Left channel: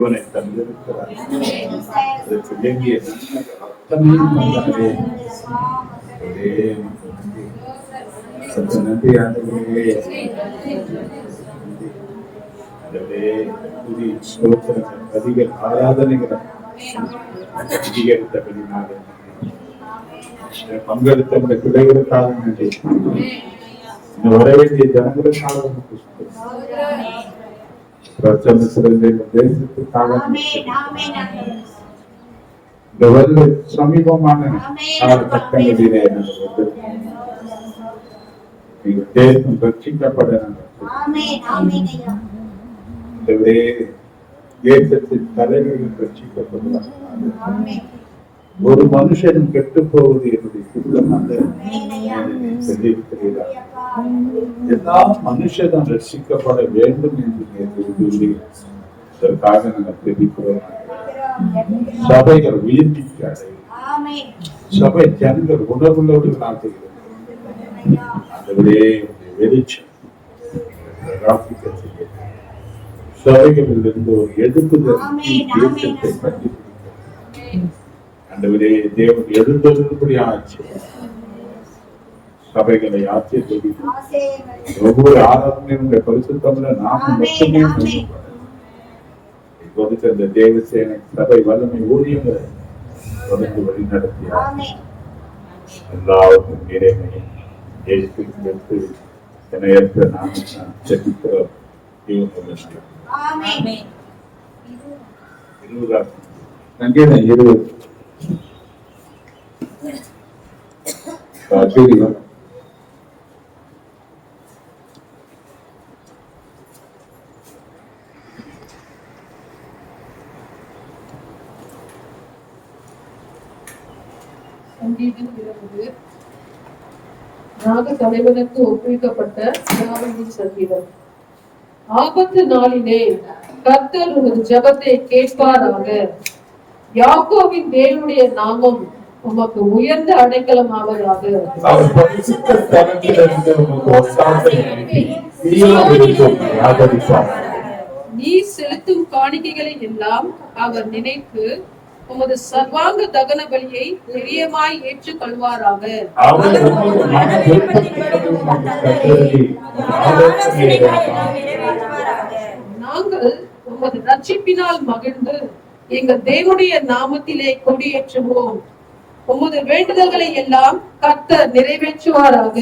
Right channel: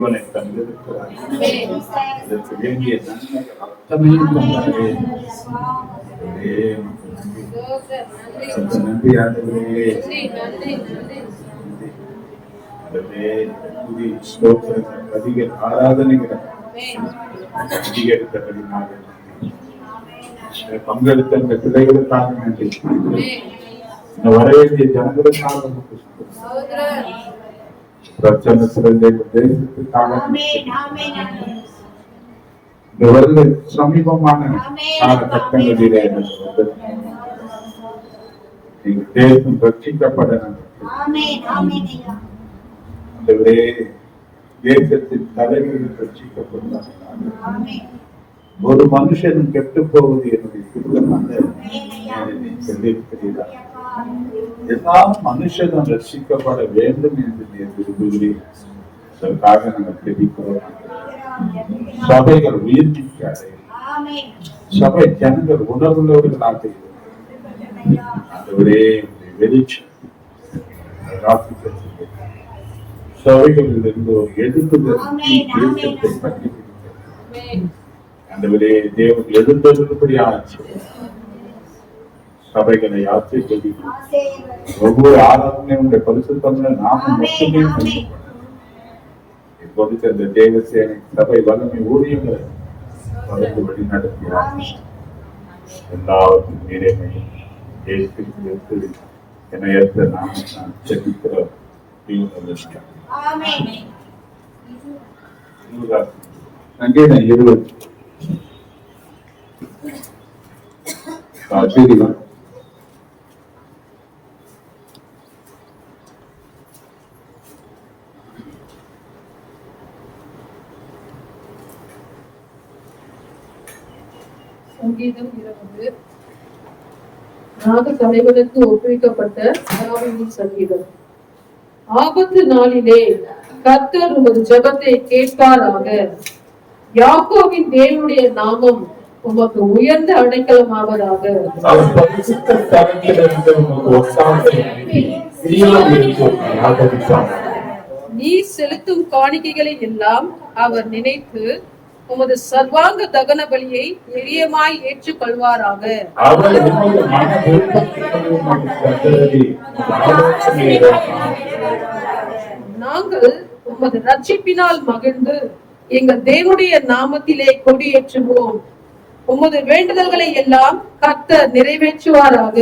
தந்திருக்கிறார். அதற்கு வேண்டிய அத்தனையும் தந்தாரே. நன்றி ஆண்டவரே. புதிய ஸ்தோத்திரங்கள், அதிக ஆராதனைகள் அதிகரித்தபடினால பங்கெடுத்த உடைய பிள்ளைகளுக்காக நன்றி. இந்த வர வேண்டிய ஜனங்களுக்காக பிரச்சனை சிறந்த தேசத்துக்காக இந்த வருட சமீபமான காலகட்டங்களிலே தேசம் ரட்சிக்கப்பட தேசத்தின் தலைவர்கள் ரட்சிக்கப்படுகிறார். ஒரு மனுஷன் கெட்டு போவது என்னுடைய சித்தம் அல்ல. சொல்லியிருக்கிறீர்கள், எல்லா மனுஷனும் ரட்சிக்கப்பட வேண்டும் என்று சொல்லி இதற்காக நாங்கள் தெரிவிக்கிறோம். சபைகள் உயர்த்திக்காது, சபை ஜனங்கள் உணர்வுள்ளோடு நாட்டுகிறது. வெளிச்சம் சபைகளில் இருந்து ஒரு எழுப்புதல் தேசத்தை பற்றி ஆண்டவரே, தேவன் எழுந்தபடி ஆட்சி சபைகளை ஆட்சி கொடி ஒவ்வொரு ஆராதனையுடைய பரிசுத்தம்ல நாம மட்டுமே இப்போது அந்த தேவசேனை சபை வல்லமை ஊழியங்களை தொடர்ந்து வழி நடத்தியார். எல்லாருக்கும் நிறைமை இணையற்ற நாம் ஜெபிக்கிறோம். சங்கீதம் 20 ராக தலைவனுக்கு ஒப்புவிக்கப்பட்ட தாவீதின் சங்கீதம். ஆபத்து நாளிலே கர்த்தர் உமது ஜெபத்தை கேட்பாராக. யாக்கோபின் தேவனுடைய நாமம் உமக்கு உயர்ந்த அடைக்கலமாவதாக. நீ செலுத்தும் காணிக்கைகளை எல்லாம் அவர் நினைத்து உமது சர்வாங்க தகன பலியை பிரியமாய் ஏற்றுக் கொள்வாராக. நாங்கள் உமது ரட்சிப்பினால் மகிழ்ந்து எங்கள் தேவனுடைய நாமத்திலே கொடியேற்றுவோம். உமது வேண்டுதல்களை எல்லாம் கர்த்தர் நிறைவேற்றுவாராக.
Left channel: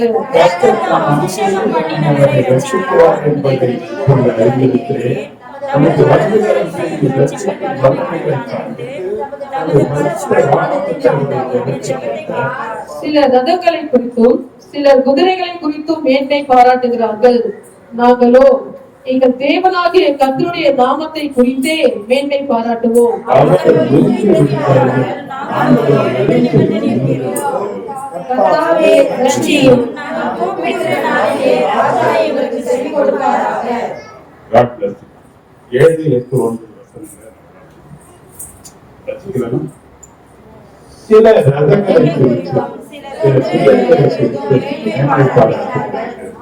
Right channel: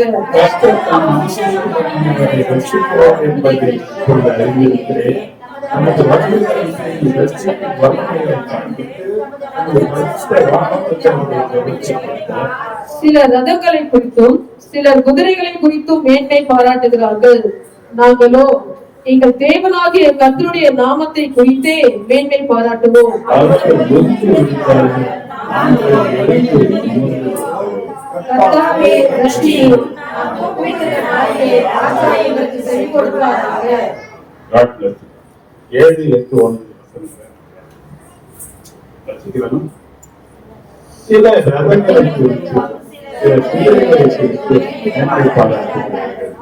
சில ரதங்களை குறித்தும் சிலர் குதிரைகளை குறித்தும் மேன்மை பாராட்டுகிறார்கள். நாங்களோ எங்கள் தேவனாகிய கர்த்தருடைய நாமத்தை குறித்தே மேன்மை பாராட்டுவோம். சில ரதங்களை குறித்து சில குதிரைகளை குறித்து மேன்மை பாராட்டுகிறார்கள்.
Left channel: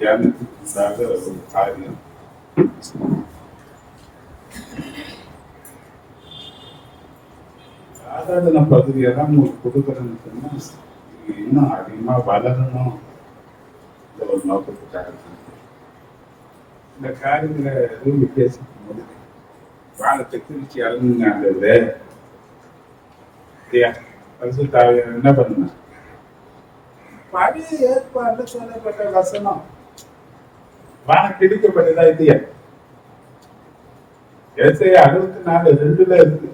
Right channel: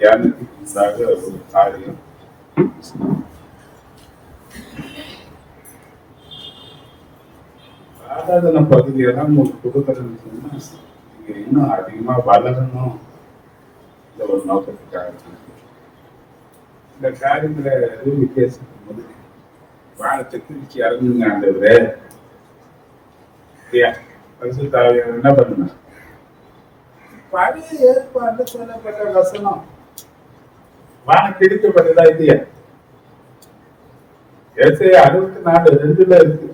தியானத்திற்காக ஒரு காரியம், ஆராதனை பகுதியெல்லாம் கொடுக்கறதுன்னு சொன்னா நீங்க இன்னும் அதிகமா வளரணும் இந்த ஒரு நோக்கத்துக்காக இந்த காரியங்களை பேசும் போது வானத்தை கிழிச்சி இறங்குங்க. அந்த பரிசுத்தாவியர் என்ன பண்ணுங்க, பழைய ஏற்பாடுல சொல்லப்பட்ட வசனம் வானம் கிழிக்கப்பட்டதா இல்லையா? ஏசாயா 64:2 இருக்கு.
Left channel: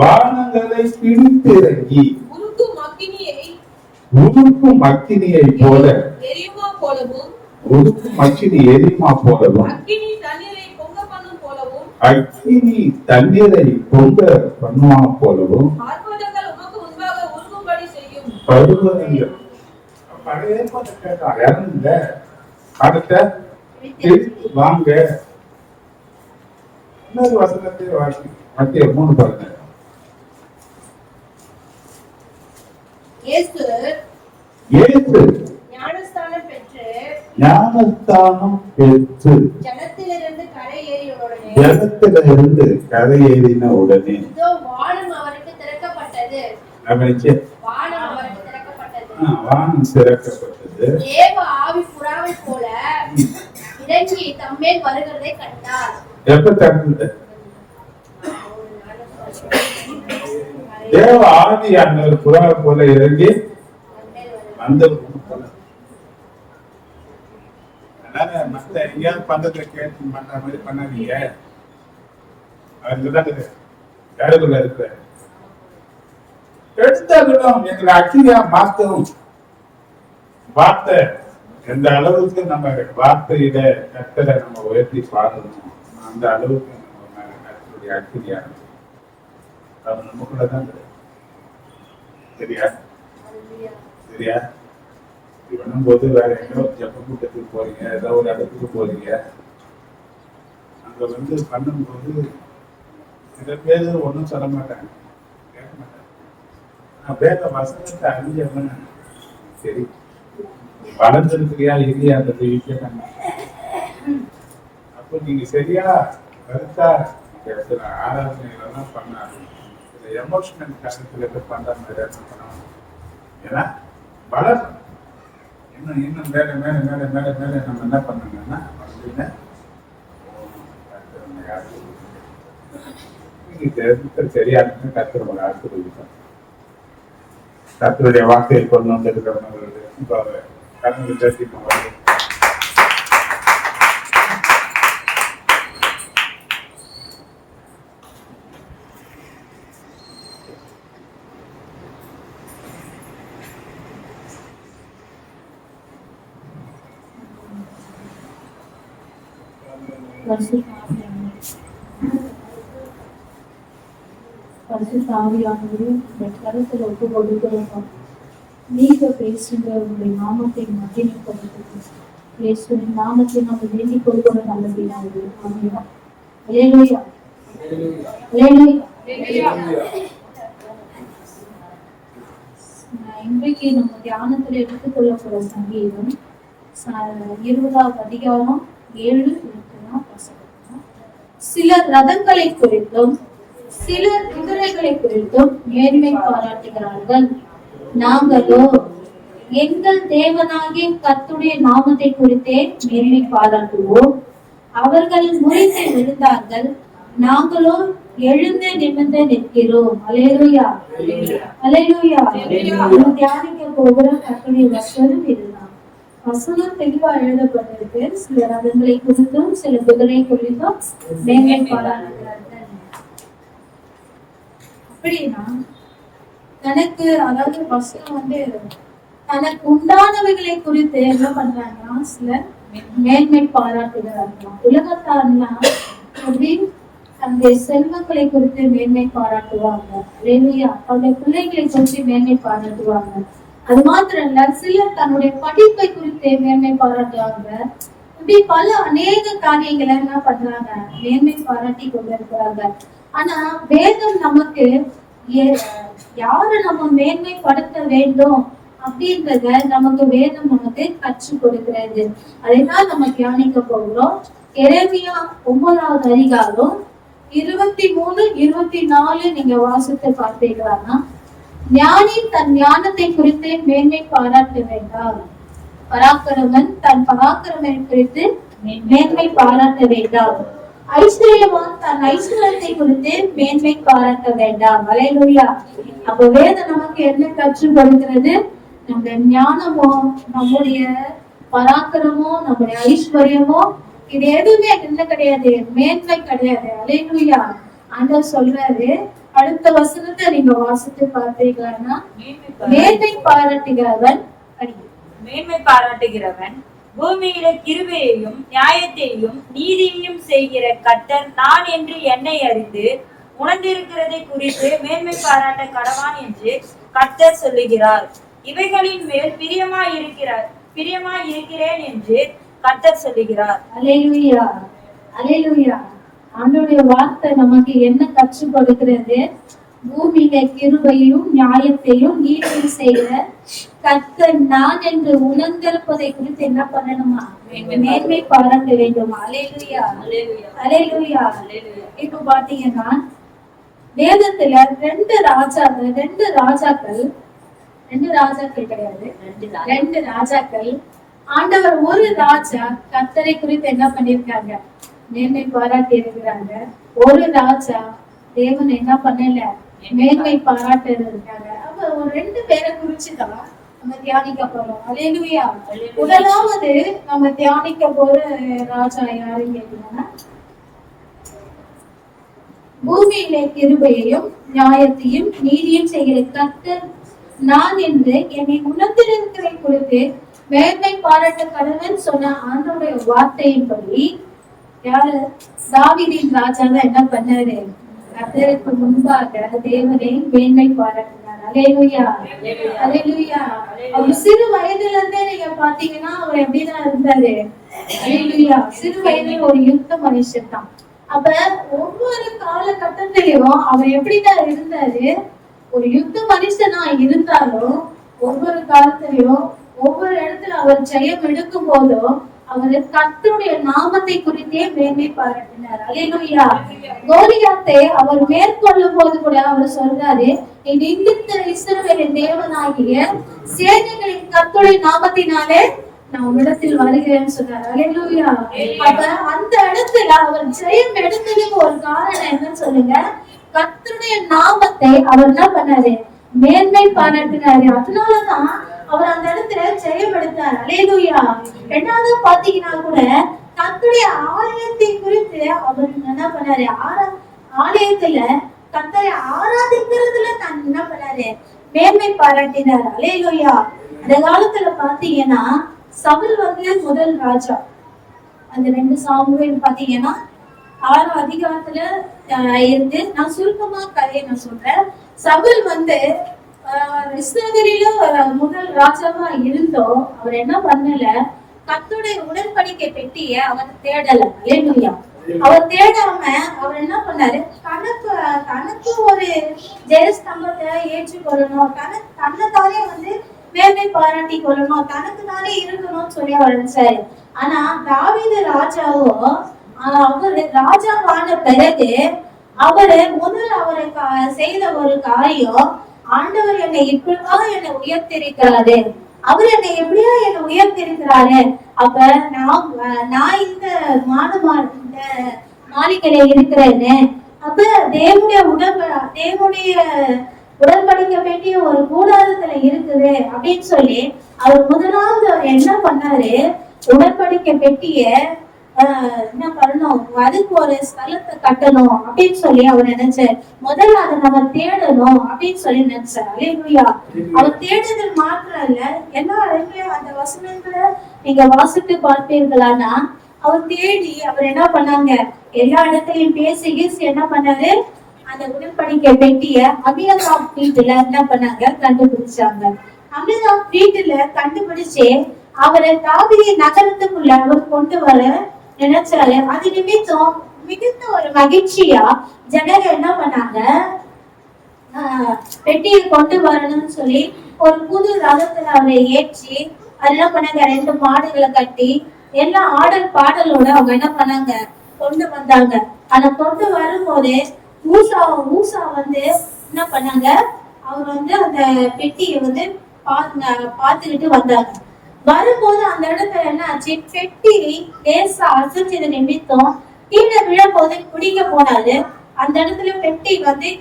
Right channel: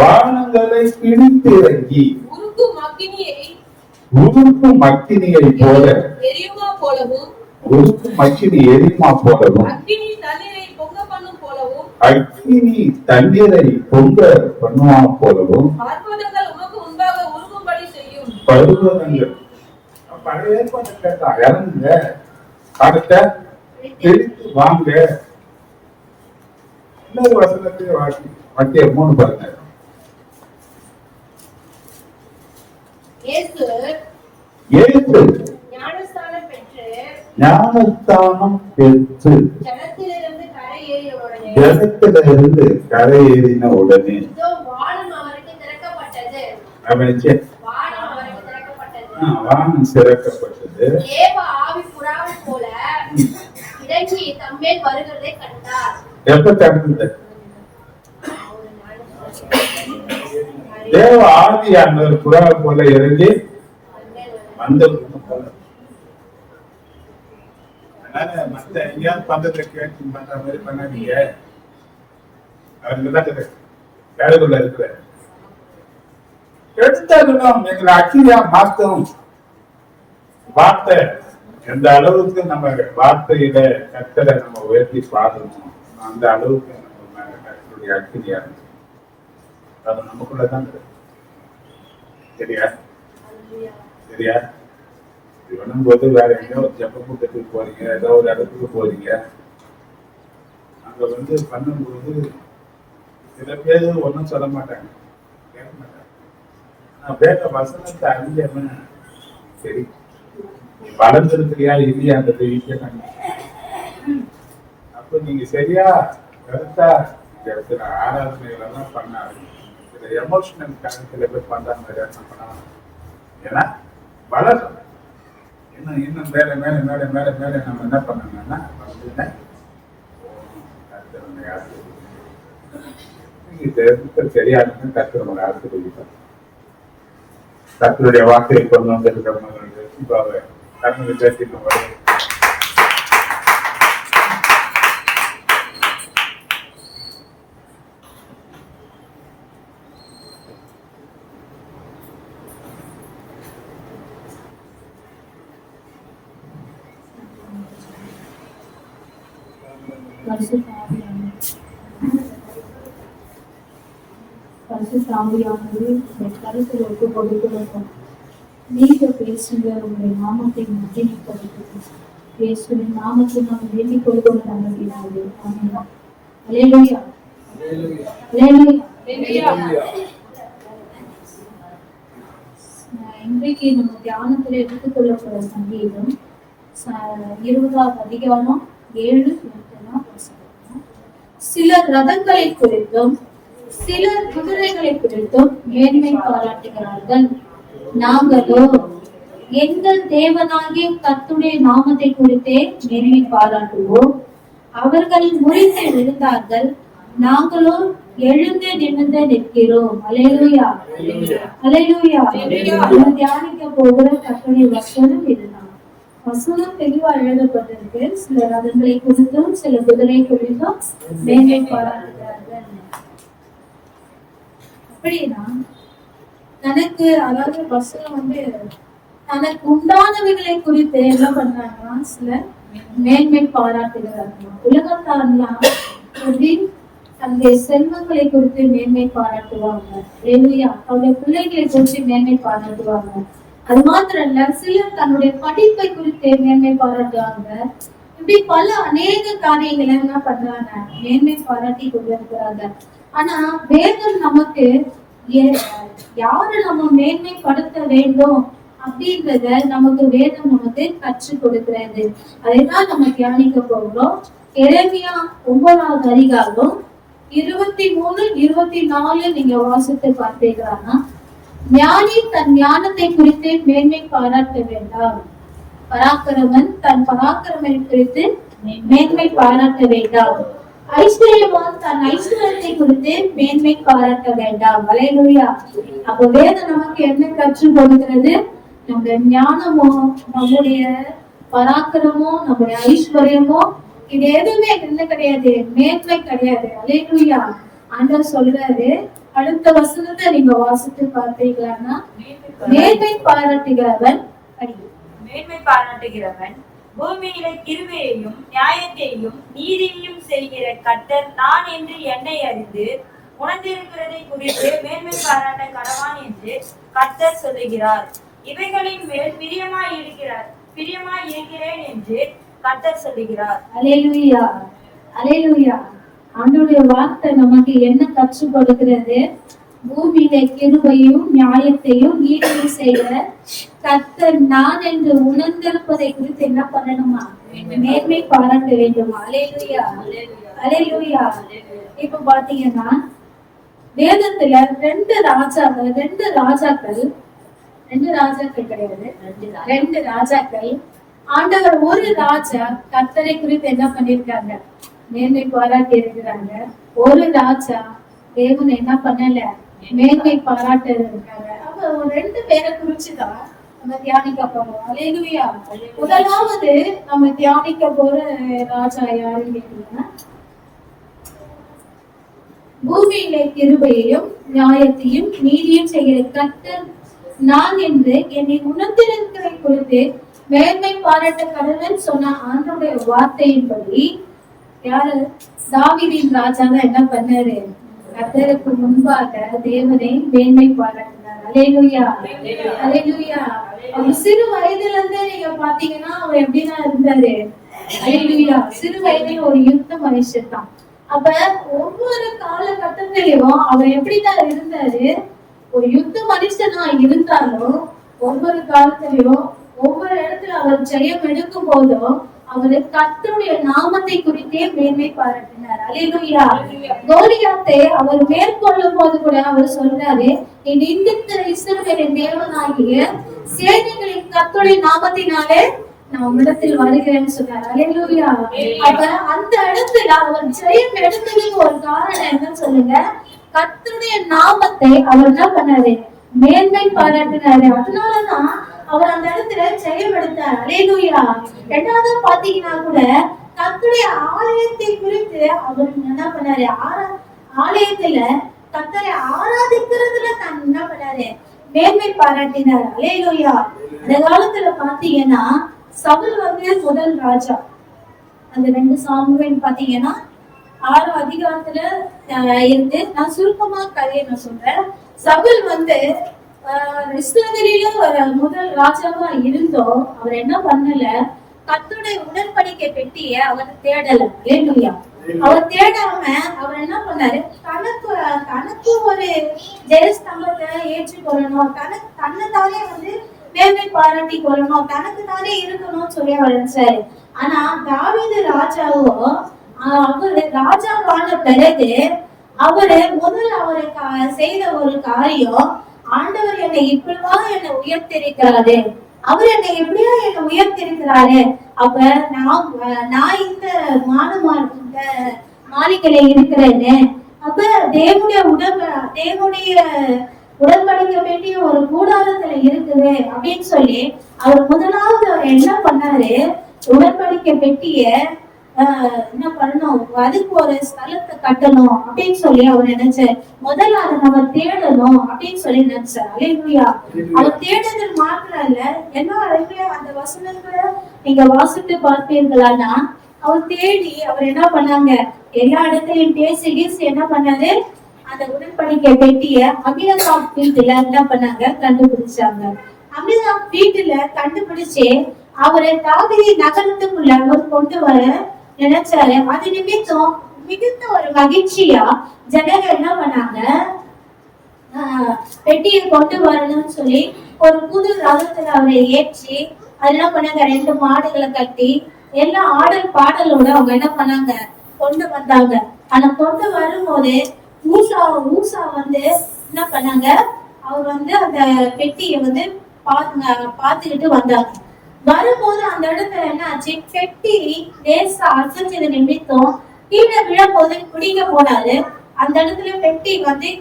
வானங்களை பிடித்திறங்கி உருக்கும் அக்கினியை போல எரியுமா போலவும் உருக்கும் அக்கினி எரியுமா போலவும் அக்கினி தண்ணீரை பொங்க பண்ணும் போலவும் அக்கினி தண்ணீரை பொங்க பண்ணுவா போலவும் பர்வதங்கள் உமக்கு முன்பாக உருகும்படி செய்யும். பருவங்கள் பழைய ஏற்பாடு கேட்டா இறங்குங்க, அடுத்த திருப்பி வாங்க. இன்னொரு வசனத்தை வாசி, மத்திய 3:17. இயேசு இயேசு ஞானஸ்நானம் பெற்று ஞானஸ்தானம் பெற்று ஜலத்திலிருந்து கரையேறிய உடனே ஜலத்திலிருந்து கரையேறின உடனே இதோ வானம் அவருக்கு திறக்கப்பட்டது. அவனுக்கு வானம் அவருக்கு திறக்கப்பட்டது. வானம் திறக்கப்பட்டது. தேவ ஆவி புறாவைப் போல இறங்கி தம்மேல் வருகிறதை கண்டார். எப்ப திறந்தது? தேவ ஆதி அந்த புறா போல இறங்கி வந்த போல. அதனால மத்த எங்கேயாவது பண்றதை கேட்டு பண்ற மாதிரி பண்ணாதீங்க. அவருக்குதான் வேலைக்குள்ள இருக்கிற எடுத்தாலும் எங்களை அக்கினியா மாத்தவும். வார்த்தை எந்த அளவுக்கு நம்ம வார்த்தையில கர்த்தரை நம்ம உயர்த்தி பாடணும், அந்த அளவுக்கு நம்ம மேல கர்த்தருடைய அக்கினியா இருக்கு. அது நமக்குள்ளதான் இருக்கு. சரியா சரியா இது பண்ணும்போது வேற எங்கேயோ ஜப்ப கூட்டத்துக்கு போறீங்க, ஏதோ ஒரு இடத்துக்கு போறீங்க, அங்க பண்ணும்போது சில பேர் ஒன்றும் சொல்ல மாட்டாங்க, கேட்க மாட்டாங்க. நான் வேற வசனத்தை அறிஞ்சவன் சரி நீ வளர்ந்துருக்கிறியா இல்லையான்றதை கேட்டாங்க. அப்ப நீங்க சரியா கருத்தா இந்த இடத்துல ஆராதனைகளெல்லாம் பண்ணாரு. சில எமோஷனல் சில பேர் பண்ற மாதிரி பண்ணலாம். ஏன்னா வளர் இன்னும் இன்னும் மேல மேல மேல மேல மேல நம்ம என்ன பண்ணணும்னா சரியான கத்துறவங்க ஆசிரியர் கத்தருடைய வார்த்தையை கொண்டு வந்திருக்கிறவங்களுக்கு இப்போ கர்மத்தை பேசிட்டு போது பரிசுத்தாவியானது இந்த கருத்தில் ஒப்பு கொடுக்கிறோம். நீங்க பேசுங்க, உங்களுடைய நாமத்தை மகிமைப்படுத்துங்க. இயேசுவின் நாமத்தை நாங்கள் வேண்டிக் கொள்கிறோம். நல்லது. ஆமென். அல்லேலூயா. அல்லேலூயா. இன்றைக்கு நம்ம தியானத்தில் எடுத்துக்கொள்ள போற சங்கீதம் 20ஆம் அதிகாரம் 7-8 வசனம். சிலர் ரதங்களை குறித்தும் சிலர் குதிரைகளை குறித்தும் மேன்மை பாராட்டுகிறார்கள். நாங்களோ எங்கள் தேவனாகிய கர்த்தருடைய நாமத்தை குறித்தே மேன்மை பாராட்டுவோம். அவர்கள் முறிந்து விழுந்தார்கள், நாங்களோ எழுந்து நிமிர்ந்து நிற்கிறோம். அல்லேலூயா. அல்லேலூயா. தியானிக்க போகிற கர்த்தருடைய வசனம் இதுதான். வசனம் தெளிவா எழுதப்பட்டிருக்கு. சில ரதங்களை குறித்தும் சில குதிரை குறித்தும் மேன்மை பாராட்டுகிறார்கள். அப்படின்னா தனக்கு, அதாவது வசனம் தனக்கு உண்டானவைகளை குறித்து என்ன பண்றாங்கன்னா சிலர் மேன்மை பாராட்டுகிறார்களாம். உலகத்தாரெல்லாம் எப்படி தன்னுடைய செல்வங்களை குறித்து மேன்மை பாராட்டுவாங்க. அல்லேலூயா. அவருடைய பிள்ளைகளை குறித்து மேன்மை பாராட்டுவாங்க. அது மாத்திரம் இல்ல, சிலர் தன்னுடைய படிப்பை குறித்து மேன்மை பாராட்டுவாங்க. இப்படி பல அநேக காரியங்களை என்ன பண்றாங்க, மேன்மை பாராட்டி கொண்டிருக்கிறாங்க. ஆனா வேதம் நமக்கு யாரு நம்ம மேன்மைப்படுத்த வேண்டும் அப்படின்றத நமக்கு வேதம் நமக்கு கற்றுக் கொடுக்கிறது. அதைதான் நம்ம தியானிக்க போகிறோம். எரேமியா 9ஆவது அதிகாரம் 23-24 நீங்க வாசித்து பார்த்தீங்கன்னா, ஞானி தன் ஞானத்தை குறித்து மேன்மை பாராட்ட வேண்டாம், பராக்கிரமன் தன் பராக்கிரமை குறித்து மேன்மை பாராட்ட வேண்டாம், ஐஸ்வர்யவான் தன் ஐஸ்வர்யத்தை குறித்து மேன்மை பாராட்ட வேண்டாம். அல்லேலூயா. அப்ப வேதம் நமக்கு என்ன கற்றுக் கொடுக்கிறது? நம்முடைய ஞானமோ, நம்முடைய பராக்கிரமோ, நம்முடைய ஐஸ்வர்யமோ, இது எதுவுமே என்ன கிடையாது, மேன்மை கிடையாது. அல்லேலூயா. ஆண்டவர் சொல்றாரு, அடுத்த வசனத்தை நீங்க வாசித்து பார்த்தீங்களான்னா, மேன்மை பாராட்டுகிறவன் மேன்மை பாராட்டுகிறவன் பூமியில கிருபையையும் நியாயத்தையும் நீதியையும் செய்கிற கர்த்தர் நான் என்று என்னை அறிந்து உணர்ந்திருக்கிறதை குறித்து மேன்மை பாராட்ட கடவான் என்று கர்த்தர் சொல்லுகிறார். இவைகளின் மேல் பிரியமாய் இருக்கிறேன் என்று கர்த்தர் சொல்லுகிறார். அல்லேலூயா, அல்லேலூயா. ஆண்டவருடைய வார்த்தை நமக்கு என்ன கற்றுக் கொடுக்கிறது? பூமியில கிருபையும் நியாயத்தையும் நீதியும் செய்கிற கர்த்தர் நான் என்று உணர்ந்திருப்பதை குறித்து என்ன பண்ணணுமா? மேன்மை பாராட்ட வேண்டுமா? அல்லேலூயா, அல்லேலூயா. இப்ப பாத்தீங்கன்னா வேதத்துல ரெண்டு ராஜாக்கள் ஆண்டவர் ஒரு ராஜா கர்த்தரை குறித்து என்ன பண்ணிருக்காங்க? மேன்மை பாராட்டி இருக்கிறாங்க. ஒரு ராஜா தேவன் என்ன பண்ணல? மேன்மை பாராட்ட இருக்காங்க. அப்ப ஒரு ரெண்டு பேரை குறிச்சுதான் நம்ம தியானிக்க போறோம். அல்லேலூயா. முதலாவது நம்ம தியானிக்க போற ராஜா யாருன்னு கேட்டீங்கன்னா, பூமியிலே கிருபையையும் நியாயத்தையும் நீதியும் செய்கிற கர்த்தர் நான் என்று என்னை உணர்ந்திருக்கிறதை குறித்து மேன்மை பாராட்ட கடவுள் சொன்ன ஆண்டவருடைய வார்த்தையின்படி யாரு? தாவீதின் ராஜா தான் என்ன பண்ணாரு? கர்த்தருக்கு முன்பாக தேவனை மேன்மை பாராட்டினார். அல்லேலூயா, அல்லேலூயா. அவர் சிறு வயதுல இருந்தே நீங்க பாத்தீங்கன்னா அவர் எப்படிதான் இருந்தாரு? அல்லேலூயா. சிறு வயதில் ஒரு யுத்த மனுஷன் தான். அப்ப ஒவ்வொரு காலகட்டத்திலையும் அவர் எப்படிதான் இருந்தாரு? ஒரு யுத்த மனுஷனா இருந்தாலும் ஒவ்வொரு காலத்திலையும் ஒவ்வொரு இடத்துல அவர் ஜெயம் எடுக்கும் போதும் அவர் கர்த்தருடைய நாமத்தை குறித்தே மேன்மை பாராட்டினார். அல்லேலூயா. கோலியாத்தை அவர் மேற்கொள்ளும் போது கூட அவர் சொல்றாரு, நிந்தித்த இஸ்ரவேலின் தேவனாகிய சேனைகளின் கர்த்தருடைய நாமத்தினாலே நான் உன்னிடத்தில் வருகிறேன்னு சொன்னார். அல்லேலூயா. அப்ப அந்த இடத்துல அவர் ஜெயம் எடுத்ததுக்கு ஒரு காரணம் என்னன்னு சொல்லுங்க? கர்த்தருடைய நாமத்தை அவர் என்ன பண்ணாரு? மேன்மை பாராட்டினாரு. அதனாலதான் அவர் அந்த இடத்துல ஜெயம் எடுத்தார். அல்லேலூயா. ரெண்டாவது பாத்தீங்கன்னா கூட கர்த்தருடைய ஆலயத்தை குறித்து அவர் என்ன பண்ணாரு? ஆலயத்துல கர்த்தரை ஆராதிக்கிறதுல தான் என்ன பண்ணாரு? மேன்மை பாராட்டினார். அல்லேலூயா. அந்த காலத்துல பாத்தீங்கன்னா சவுல் முதல் ராஜா. அந்த 2 சாமுவேல் பாத்தீங்கன்னா 6 அதிகாரத்துல இருந்து நான் சுருக்கமா கதையை நான் சொல்றேன். சவுல் இஸ்ரவேலில முதல் ராஜாவா இருந்தோம். அவர் என்ன பண்ணல? கர்த்தருடைய உடன்படிக்கை பெட்டிய அவர் தேடல. அல்லேலூயா. அவர் தேடாம அவர் என்ன பண்ணாரு? தனக்கு ஒரு ஜெயஸ்தம்பத்தை ஏற்றுக்கொள்ளணும், தன்னைத்தானே மேன்மை பாராட்டி கொள்ளணும், தனக்கு தானே இருக்கணும்னு சொல்லி அவர் நினைச்சாரு. ஆனா தாவீது ராஜாவோ அவரு ராஜாவான பிறகு அவரு செய்த ஒரு காரியம், ஆண்டவர் என்னை இப்படிவா என்னை உயர்த்திருக்கிறாரு, அவர் என்னை எப்படியா என்னை உயர்த்திருக்கிறாரு. அப்ப நான் இந்த மாளிகையில இருக்கிறேன்னு, அப்ப தேவனுடைய உடன்படிக்க வேண்டிய ஒரு கூடாரத்துல இருக்குது அப்படின்னு சொல்லி அவர் முதலாவது அவர் என்ன பண்ணாரு? உடன்படிக்க பெட்டிய என்ன பண்ணணும்? அதுக்கு ஒரு ஸ்தலத்தை கட்டணும் அப்படின்னு சொல்லி அவர் நினைச்சார். முதல்ல அதை நம்ம தேடணும் அப்படின்னு சொல்லி நினைச்சார். அல்லேலூயா. அவர் தேடுதல் மாத்திரம் இல்ல, எல்லா இடங்களையும் அந்த வசனங்களை நீங்க வாசித்து பார்ப்பீர்களானா அவர் தேடி அவர் என்ன பண்ணாங்க? எல்லா இடத்தையும் பேசி என்ன பண்ணாரு? அந்த உடன்படிக்கை பெட்டிய அபினதாப் வீட்டுல என்ன பண்ணாங்க? கண்டுபிடிச்சாங்க. அபினதாப் வீட்டுல கண்டுபிடிச்சு அவரை தாவீது நகரத்துக்குள்ள அவர் கொண்டு வர நினைச்சாரு. அது நிமித்தம் மிகுந்த ஒரு மகிழ்ச்சியா ஜனங்க என்ன பண்ணாங்க? பெட்டியை கொண்டு வரணும்னு சொல்லி ஒரு புது ரதத்துல அவரை ஏற்றி அது என்ன பண்ணாங்க? 2 மாடுகளை கட்டி எல்லா ஆடல் பாடலோட அவங்க என்ன பண்ணாங்க? கொண்டு வந்தாங்க. ஆனா கொண்டு வரும்போது ஊசா என்ன பண்ணாங்க? அவர் அந்த பெட்டியை பாத்துக்கிட்டு வந்தாங்க. வரும்போது அந்த இடத்துல என்ன ஆச்சு? பெட்டி லேசா அசைச்சது நிமித்தம் கீழே விழும்போது பிடிக்க போனாரு. அந்த இடத்துல பெட்டி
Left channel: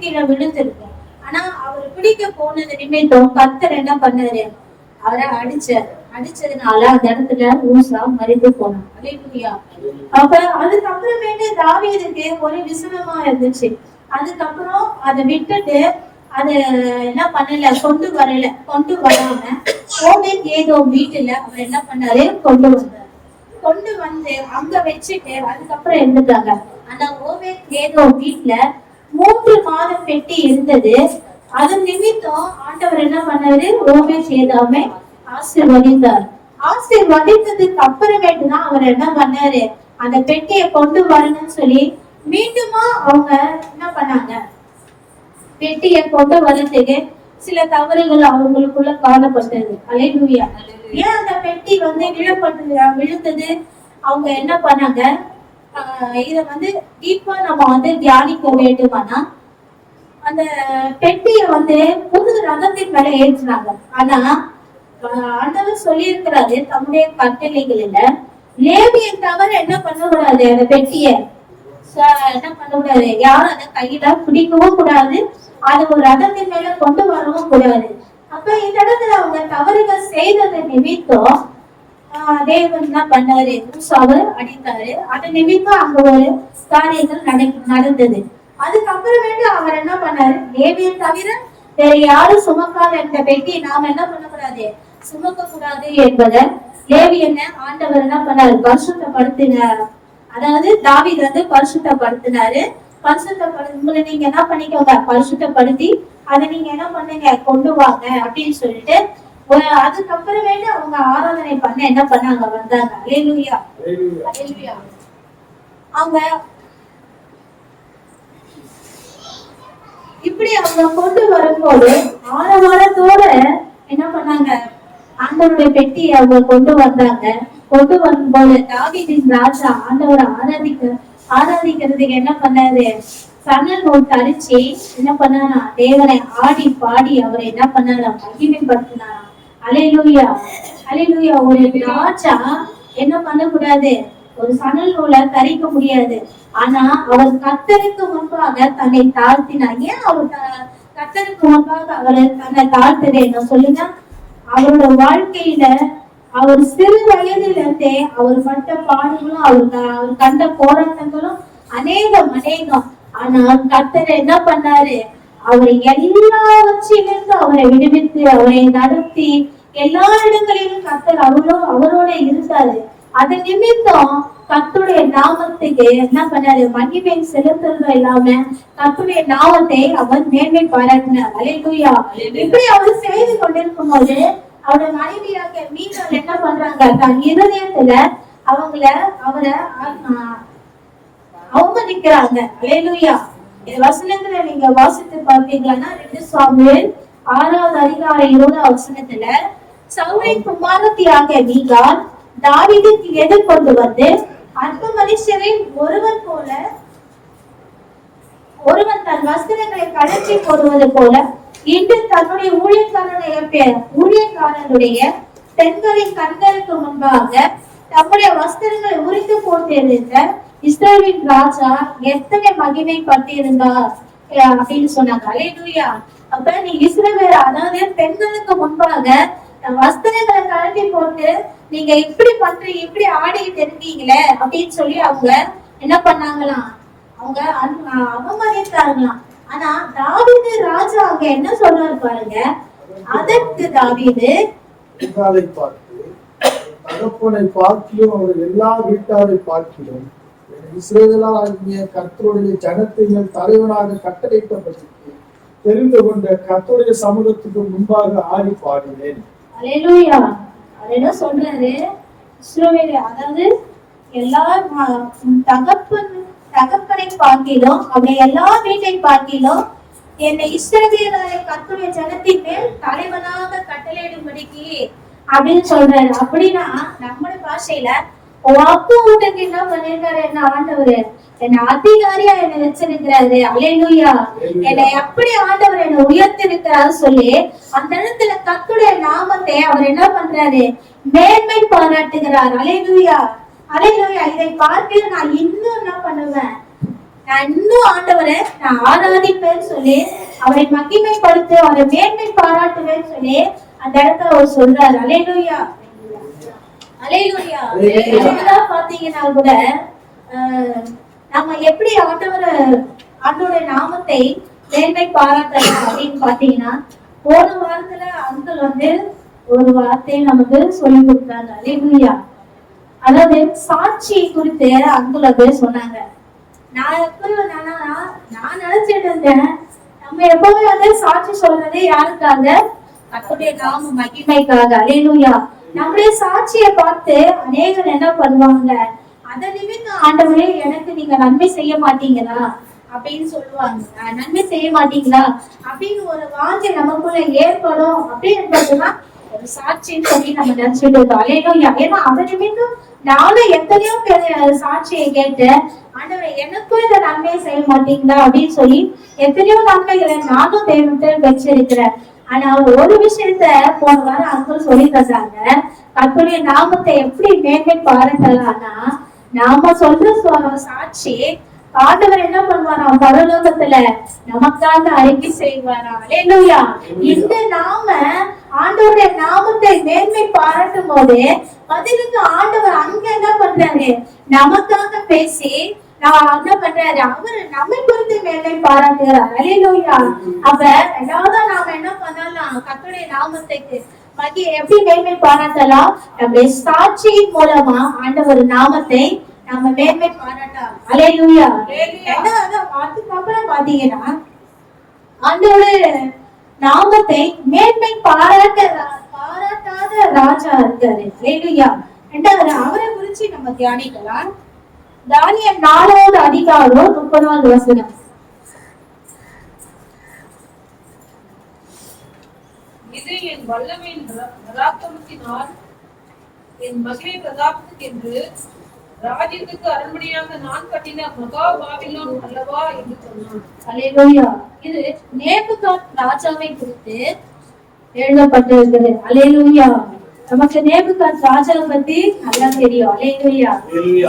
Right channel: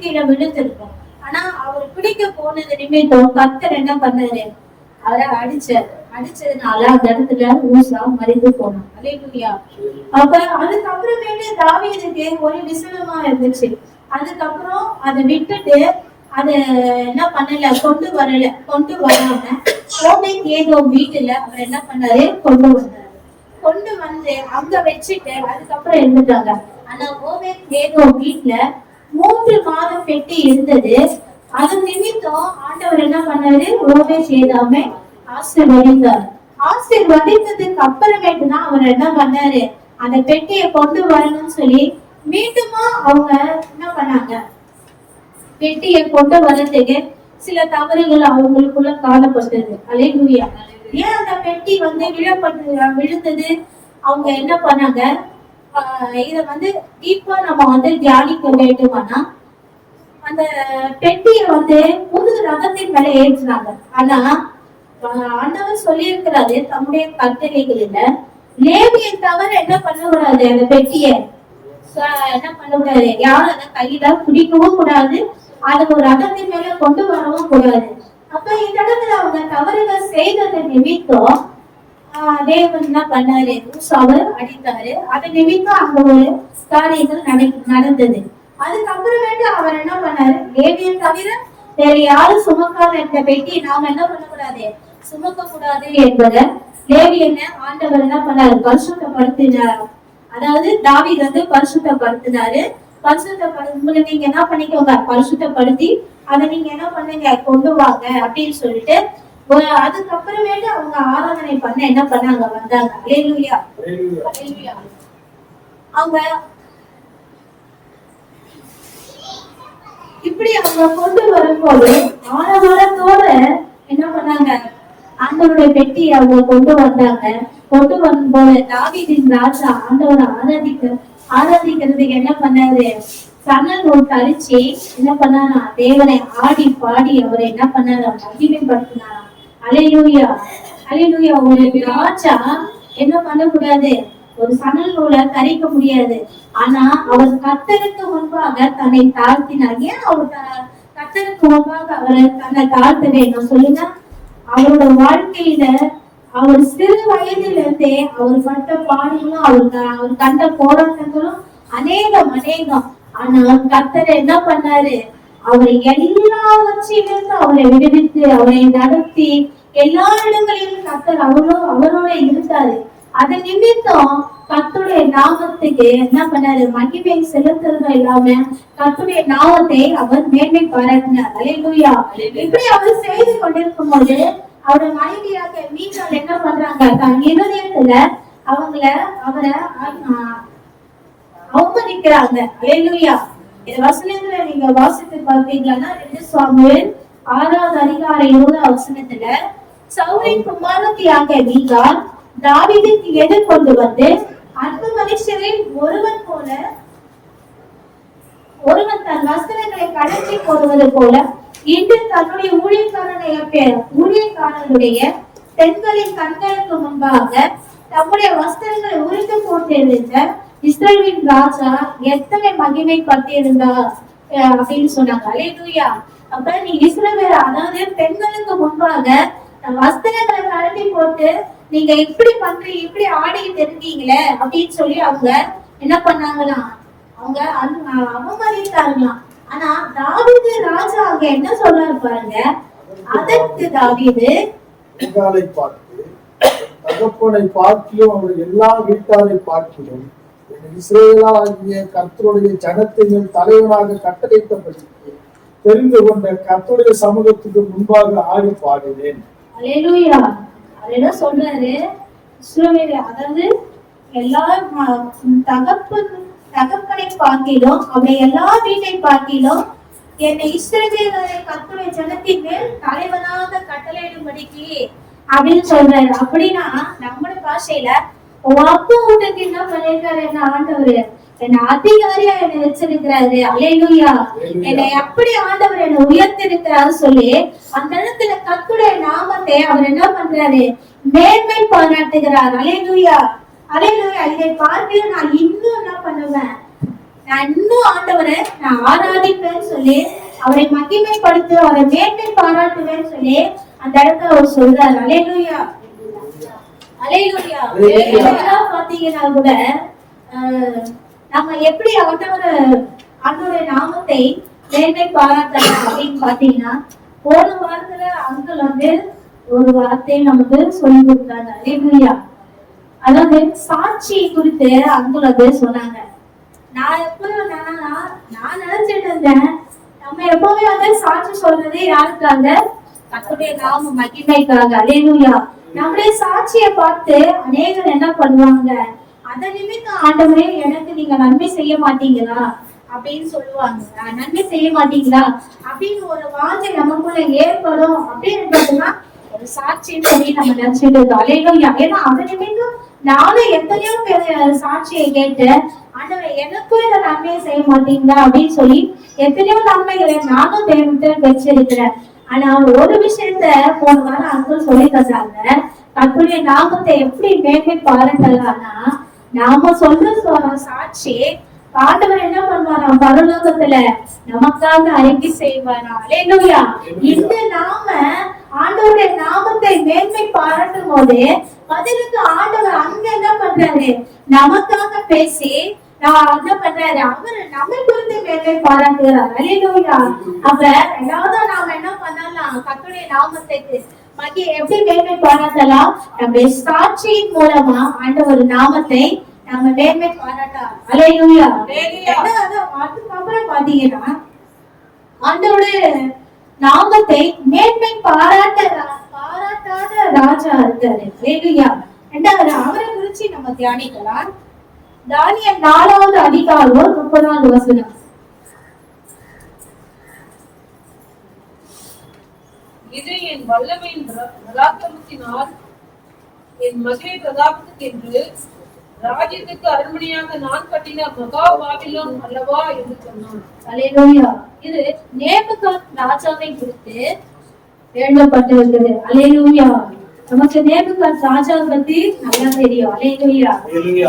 கீழே விழுந்திருக்கும். ஆனா அவர் பிடிக்க போனது நிமித்தம் கர்த்தர் என்ன பண்ணாரு? அவரை அடிச்சதுனால அந்த இடத்துல ஊசா மறைந்து போனாங்க. அல்லேலூயா. அப்ப அதுக்கப்புறமேட்டு தாவீதுக்கு ஒரு விசனமா இருந்துச்சு. அதுக்கப்புறம் அதை விட்டுட்டு அது என்ன பண்ணல, கொண்டு வராம ஓபேத் ஏதோம் வீட்டுல அவர் என்ன பண்ணாரு, கொண்டு வந்தாரு. கொண்டு வந்து அங்க வச்சுட்டு அதுக்கப்புறம் இருந்துட்டாங்க. ஆனா ஓபேத் ஏதோம் வீட்டுல 3 மாதம் பெட்டி இருந்தது. அது நிமித்தம் ஆண்டவர் என்ன பண்ணாரு, ஓபேத் ஏதோமை ஆசீர்வதித்தார். ஆசீர்வதித்ததுக்கு அப்புறமேட்டு தான் அவர் என்ன பண்ணாரு, அந்த பெட்டியை கொண்டு வரணும்னு சொல்லி மீண்டுமா அவங்க என்ன பண்ணாங்க, பெட்டியை கொண்டு வரதுக்கு சில தவறுகள் அவங்களுக்குள்ள காணப்பட்டது. அல்லேலூயா. ஏன் அந்த பெட்டி வந்து விழுந்தது, அவங்க என்ன பண்ணாங்க, இத வந்து டீப்பா நம்ம வந்து தியானிக்க வேண்டுமானா, அந்த பெட்டியை வந்து புது ரதத்தின் மேல ஏற்றினாங்க. ஆனா ஆண்டவர் சொல்லி இருக்கிறாரு தம்முடைய கட்டளைகளில லேவியன் தவிர என்ன பண்ணக்கூடாது, அந்த பெட்டிய என்ன பண்ணக்கூடாது, யாரும் அதை கையில பிடிக்கவும் கூடாது, அது ஒரு ரதத்தின் மேல கொண்டு வரவும் கூடாது. அப்ப இந்த இடத்துல அவங்க தவறுகள் செய்தது நிமித்தம் தேவன் என்ன பண்ணாரு, மூசாவை அடித்தாரு. அது நிமித்தம் அங்க ஒரு காரியங்கள் நடந்தது. அதுக்கப்புறமேட்டு அவர் என்ன பண்ணாரு, லேவியன் தவிர வேற யாரும் சுமக்காத இந்த பெட்டி நாம என்ன பண்ணக்கூடாது, சுமக்க கூடாது என்பதை லேவியனை ஆண்டவர் என்ன பண்ணாரு, பரிசுத்தப்படுத்தினார். அதாவது தாவீது வந்து பரிசுத்தப்படுத்தினாரு. உங்களை நீங்க என்ன பண்ணிக்கோங்க, பரிசுத்தப்படுத்தி அதை நீங்க என்ன பண்ணுங்க, கொண்டு வாங்க அப்படின்னு சொல்லிட்டு அதுக்கப்புறமேட்டு அவங்க ஆராதனை பண்ண என்ன பண்ணாங்க, வந்தாங்க. அல்லேலூயா, அல்லேலூயா. அவங்க இப்படி அவங்க கொண்டு வரும்போது ஆரவாரத்தோட என்ன பண்ணாங்க, ஆண்டவருடைய பெட்டி அவங்க கொண்டு வந்தாங்க. கொண்டு வரும்போது தாவீதின் ராஜா ஆண்டவரை ஆராதிக்கிறதுக்கு என்ன பண்ணாரு, சணல் நூல் தரிச்சு என்ன பண்ணாரா, தேவனை ஆடி பாடி அவரை என்ன பண்ணாரா, மகிமைப்படுத்தினாராம். அல்லேலூயா, அல்லேலூயா. ஒரு ராஜா என்ன பண்ணக்கூடாது, ஒரு சணல் நூலை தரிக்க முடியாது. ஆனா அவர் கர்த்தருக்கு முன்பாக தன்னை தாழ்த்தினார். ஏன் அவர் கர்த்தருக்கு முன்பாக அவர் தன்னை தாழ்த்துறேன் சொல்லுங்க. அவரோட வாழ்க்கையில அவர் சிறு வயதில இருந்தே அவர் பட்ட பாடுகளும் அவர் கண்ட போராட்டங்களும் அநேகம். ஆனால் கர்த்தர் என்ன பண்ணாரு, அவரை எல்லாவற்றிலிருந்து அவரை விடுவித்து அவரை நடத்தி எல்லா இடங்களிலும் கர்த்தர் அவரோட இருந்தாரு. அது நிமித்தம் கர்த்தருடைய நாமத்துக்கு என்ன பண்ணாரு, மகிமை செலுத்துறதும் இல்லாம கர்த்தருடைய நாமத்தை அவர் மேன்மை பாராட்டினார். அல்லேலூயா. இப்படி அவர் செய்து கொண்டிருக்கும் போது அவருடைய மனைவியாக மீனல் என்ன பண்றாங்க, தன் இருதயத்துல அவரை அவமதிக்கிறாங்க. அல்லேலூயா. இந்த வசனங்களை நீங்க வாசித்து பார்த்தீங்கன்னா 2 சாமுவேல் 6வது அதிகாரம் 7வது வசனத்துல சவுலின் குமாரத்தியாக மீகாள் தாவீதுக்கு எதிர்கொண்டு வந்து அற்ப மனுஷரில் ஒருவன் தன் வஸ்திரங்களை கழற்றி போடுவது போல இன்று தன்னுடைய ஊழியக்காரனுடைய பெண்களின் கண்களுக்கு முன்பாக தம்முடைய வஸ்திரங்களை உரித்து போட்டிருந்த இஸ்ரவேலின் ராஜா எத்தனை மகிமைப்பட்டிருந்தார் அப்படின்னு சொன்னாங்க. அல்லேலூயா. அப்ப நீ இஸ்ரவேல், அதாவது பெண்களுக்கு முன்பாக வஸ்திரங்களை கழட்டி போட்டு நீங்க இப்படி பண்றீங்க, இப்படி ஆடிட்டு இருக்கீங்களே அப்படின்னு சொல்லி அவங்க என்ன பண்ணாங்களாம், அவங்க அவமதித்தாங்களாம். ஆனா தாவீது ராஜா அங்க என்ன சொல்றாரு பாருங்க. அதற்கு தாவீது தகப்பனை பார்க்கிலும் அவர் எல்லா வீட்டாரை பார்க்கிலும் இஸ்ரவேலாகிய கர்த்தருடைய ஜனத்தை தலைவனாக கட்டளையிட்டபடிக்கு தெரிந்து கொண்ட கர்த்தருடைய சமூகத்துக்கு முன்பாக ஆடி பாடினேன். அல்லேலூயா. அவர் என்ன சொல்றாரு, இஸ்ரவேல், அதாவது எல்லா தகப்பனை பார்க்கிலும் அவருடைய எல்லா வீட்டை பார்க்கிலும் என்னை இஸ்ரவேலரை கர்த்தருடைய ஜனத்தின் மேல் தலைவனாக கட்டளையிடும்படிக்கு அப்படின்னு சொல்றாரு. அப்படின்னா நம்முடைய பாஷையில அப்பா வீட்டுக்கு என்ன பண்ணிருக்காரு, என்ன ஆண்டவர் என்னை அதிகாரியா என்னை வச்சிருக்கிறாரு. அல்லேலூயா. என்னை எப்படி ஆண்டவர் என்னை உயர்த்திருக்கிறாரு சொல்லி அந்த இடத்துல கர்த்தருடைய நாமத்தை அவர் என்ன பண்றாரு, மேன்மை பாராட்டுகிறார். அல்லேலூயா, அல்லேலூயா. இதை பார்த்து நான் இன்னும் என்ன பண்ணுவேன், நான் இன்னும் ஆண்டவரை நான் ஆராதிப்பேன்னு சொல்லி அவரை மகிமைப்படுத்த அவரை மேன்மை பாராட்டுவேன்னு சொல்லி அந்த இடத்துல அவர் சொல்றாரு. அல்லேலூயா, அல்லேலூயா. பாத்தீங்கன்னா கூட நம்ம எப்படி ஆண்டவரை ஆண்டோடைய நாமத்தை மேன்மை பாராட்டலாம் அப்படின்னு பாத்தீங்கன்னா, போன வாரத்துல அங்கிள் வந்து ஒரு வார்த்தையை நமக்கு சொல்லி கொடுத்தாங்க. அல்லேலூயா. அதாவது சாட்சி குறித்து அங்குள் வந்து சொன்னாங்க. நான் நான் நினைச்சிட்டு இருந்தேன், நம்ம எப்பவுமே வந்து சாட்சி சொல்றதே யாருக்காக? கர்த்தருடைய நாம மகிமைக்காக. அல்லேலூயா. நம்முடைய சாட்சியை பார்த்து அநேகர் என்ன பண்ணுவாங்க, அந்த நிமித்தம் ஆண்டவரே எனக்கு நீங்க நன்மை செய்ய மாட்டீங்களா அப்படின்னு சொல்லுவாங்க. நன்மை செய்ய மாட்டீங்களா அப்படின்னு ஒரு வாஞ்சை நமக்குள்ள ஏற்படும் அப்படின்னு ஒரு சாட்சின்னு சொல்லி நம்ம நினைச்சிட்டு இருக்கோம். அல்லேலூயா. ஏன்னா அந்த நிமித்தம் நானும் எத்தனையோ பேர் சாட்சியை கேட்டு, ஆண்டவரே எனக்கும் இந்த நன்மையை செய்ய மாட்டீங்களா அப்படின்னு சொல்லி எத்தனையோ நன்மைகளை நானும் தேவத்தை வச்சிருக்கிறேன். ஆனா ஒரு விஷயத்த போன வாரம் அங்கிள் சொல்லி தந்தாங்க. கர்த்தருடைய நாமத்தை எப்படி மேன்மை பாராட்டலாம்னா, நாம சொல்ற சாட்சி ஆண்டவர் என்ன பண்ணுவாராம், பரலோகத்துல நமக்காக அறிக்கை செய்வாராம். அல்லேலூயா. இந்த நாம ஆண்டவருடைய நாமத்தை மேன்மை பாராட்டும் போது பதிலுக்கு ஆண்டவர் அங்க என்ன பண்றாரு, நமக்காக பேசி என்ன பண்றாரு, அவரு நம்மை குறித்து மேன்மை பாராட்டுகிறார். அல்லேலூயா. அப்ப ரெண்டாவது நாம என்ன பண்ணலாம், கர்த்தருடைய நாமத்துக்கு எப்படி மேன்மை பாராட்டலாம், நம்முடைய சாட்சியின் மூலமா ஆண்டவர் நாமத்தை நம்ம மேன்மை பாராட்டலாம். அல்லேலூயா. அதுக்கப்புறம் பாத்தீங்கன்னா ஆண்டவருடைய நாமத்தை மேன்மை பாராட்டாத ராஜா இருக்காரு. அல்லேலூயா. ரெண்டாவது அவரை குறிச்சு நம்ம தியானிக்கலாம். தானியேல் 4வது அதிகாரம் 30வது வசனம். இது என் வல்லமையின் பராக்கிரமத்தினால் என் மகிமை பிரதாபத்துக்கு என்று ராஜ்யத்துக்கு அரண்மனையாக நான் கட்டின மகா பாபிலோன் அல்லவா என்று சொன்னான். அல்லேலூயா. இது நேபுகாத் ராஜாவை குறித்து எழுதப்பட்டிருக்கிறது. அல்லேலூயா. நமக்கு நேபுகாத் ராஜா பத்தி நல்லா தெரியும். அல்லேலூயா.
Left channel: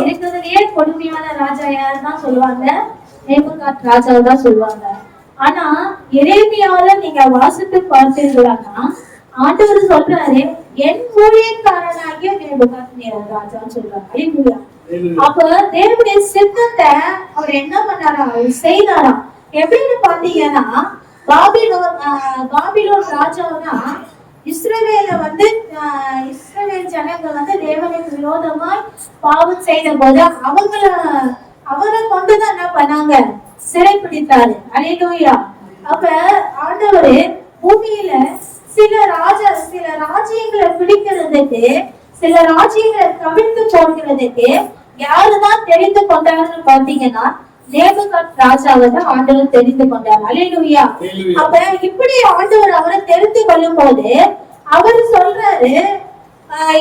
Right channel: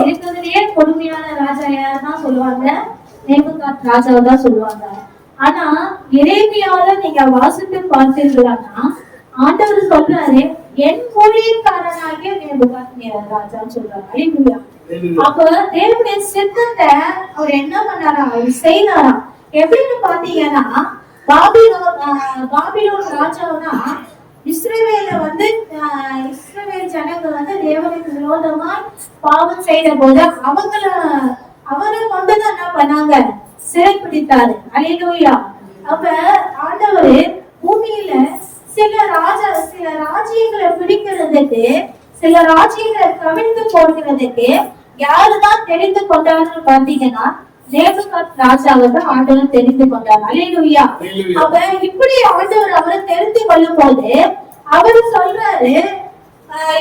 இருக்கிறதுலயே கொடுமையான ராஜா யாருதான் சொல்லுவாங்க, நேபுகாத் ராஜாவை தான் சொல்லுவாங்க. ஆனா எரேமியாவில நீங்க வாசித்து பார்த்தீர்களானா, ஆண்டவர் சொல்றாரு என் ஊழியக்காரனாகிய நேபுகாத் ராஜான்னு சொல்றாங்க. அல்லேலூயா. அப்ப தேவனுடைய சித்தத்தை அவர் என்ன பண்ணாராம், அவர் செய்தாராம். எப்படின்னு பாத்தீங்கன்னா, பாபிலோன் ராஜாவுனா இஸ்ரவேல வந்து இஸ்ரவேல் ஜனங்கள் வந்து தேவனுக்கு விரோதமாய் பாவம் செய்த போது அவரை கொண்டுதான் என்ன பண்ணாங்க, சிறைப்பிடித்தாரு. அல்லேலூயா. அப்ப ஆண்டவரு பூமியில சில ராஜ்யங்களை பிடிக்கிறதுக்கு, சில ராஜ்யங்களை கவிழ்த்து போடுகிறதுக்கு யாருதான் தெரிந்து கொண்டாருன்னு பாத்தீங்கன்னா, நேபுகாத் ராஜாவை தான் ஆண்டவர் தெரிந்து கொண்டார். அல்லேலூயா. அப்ப இப்படி ஆண்டவர் அவரை தெரிந்து கொள்ளும் போது அவர் சொல்றாரு,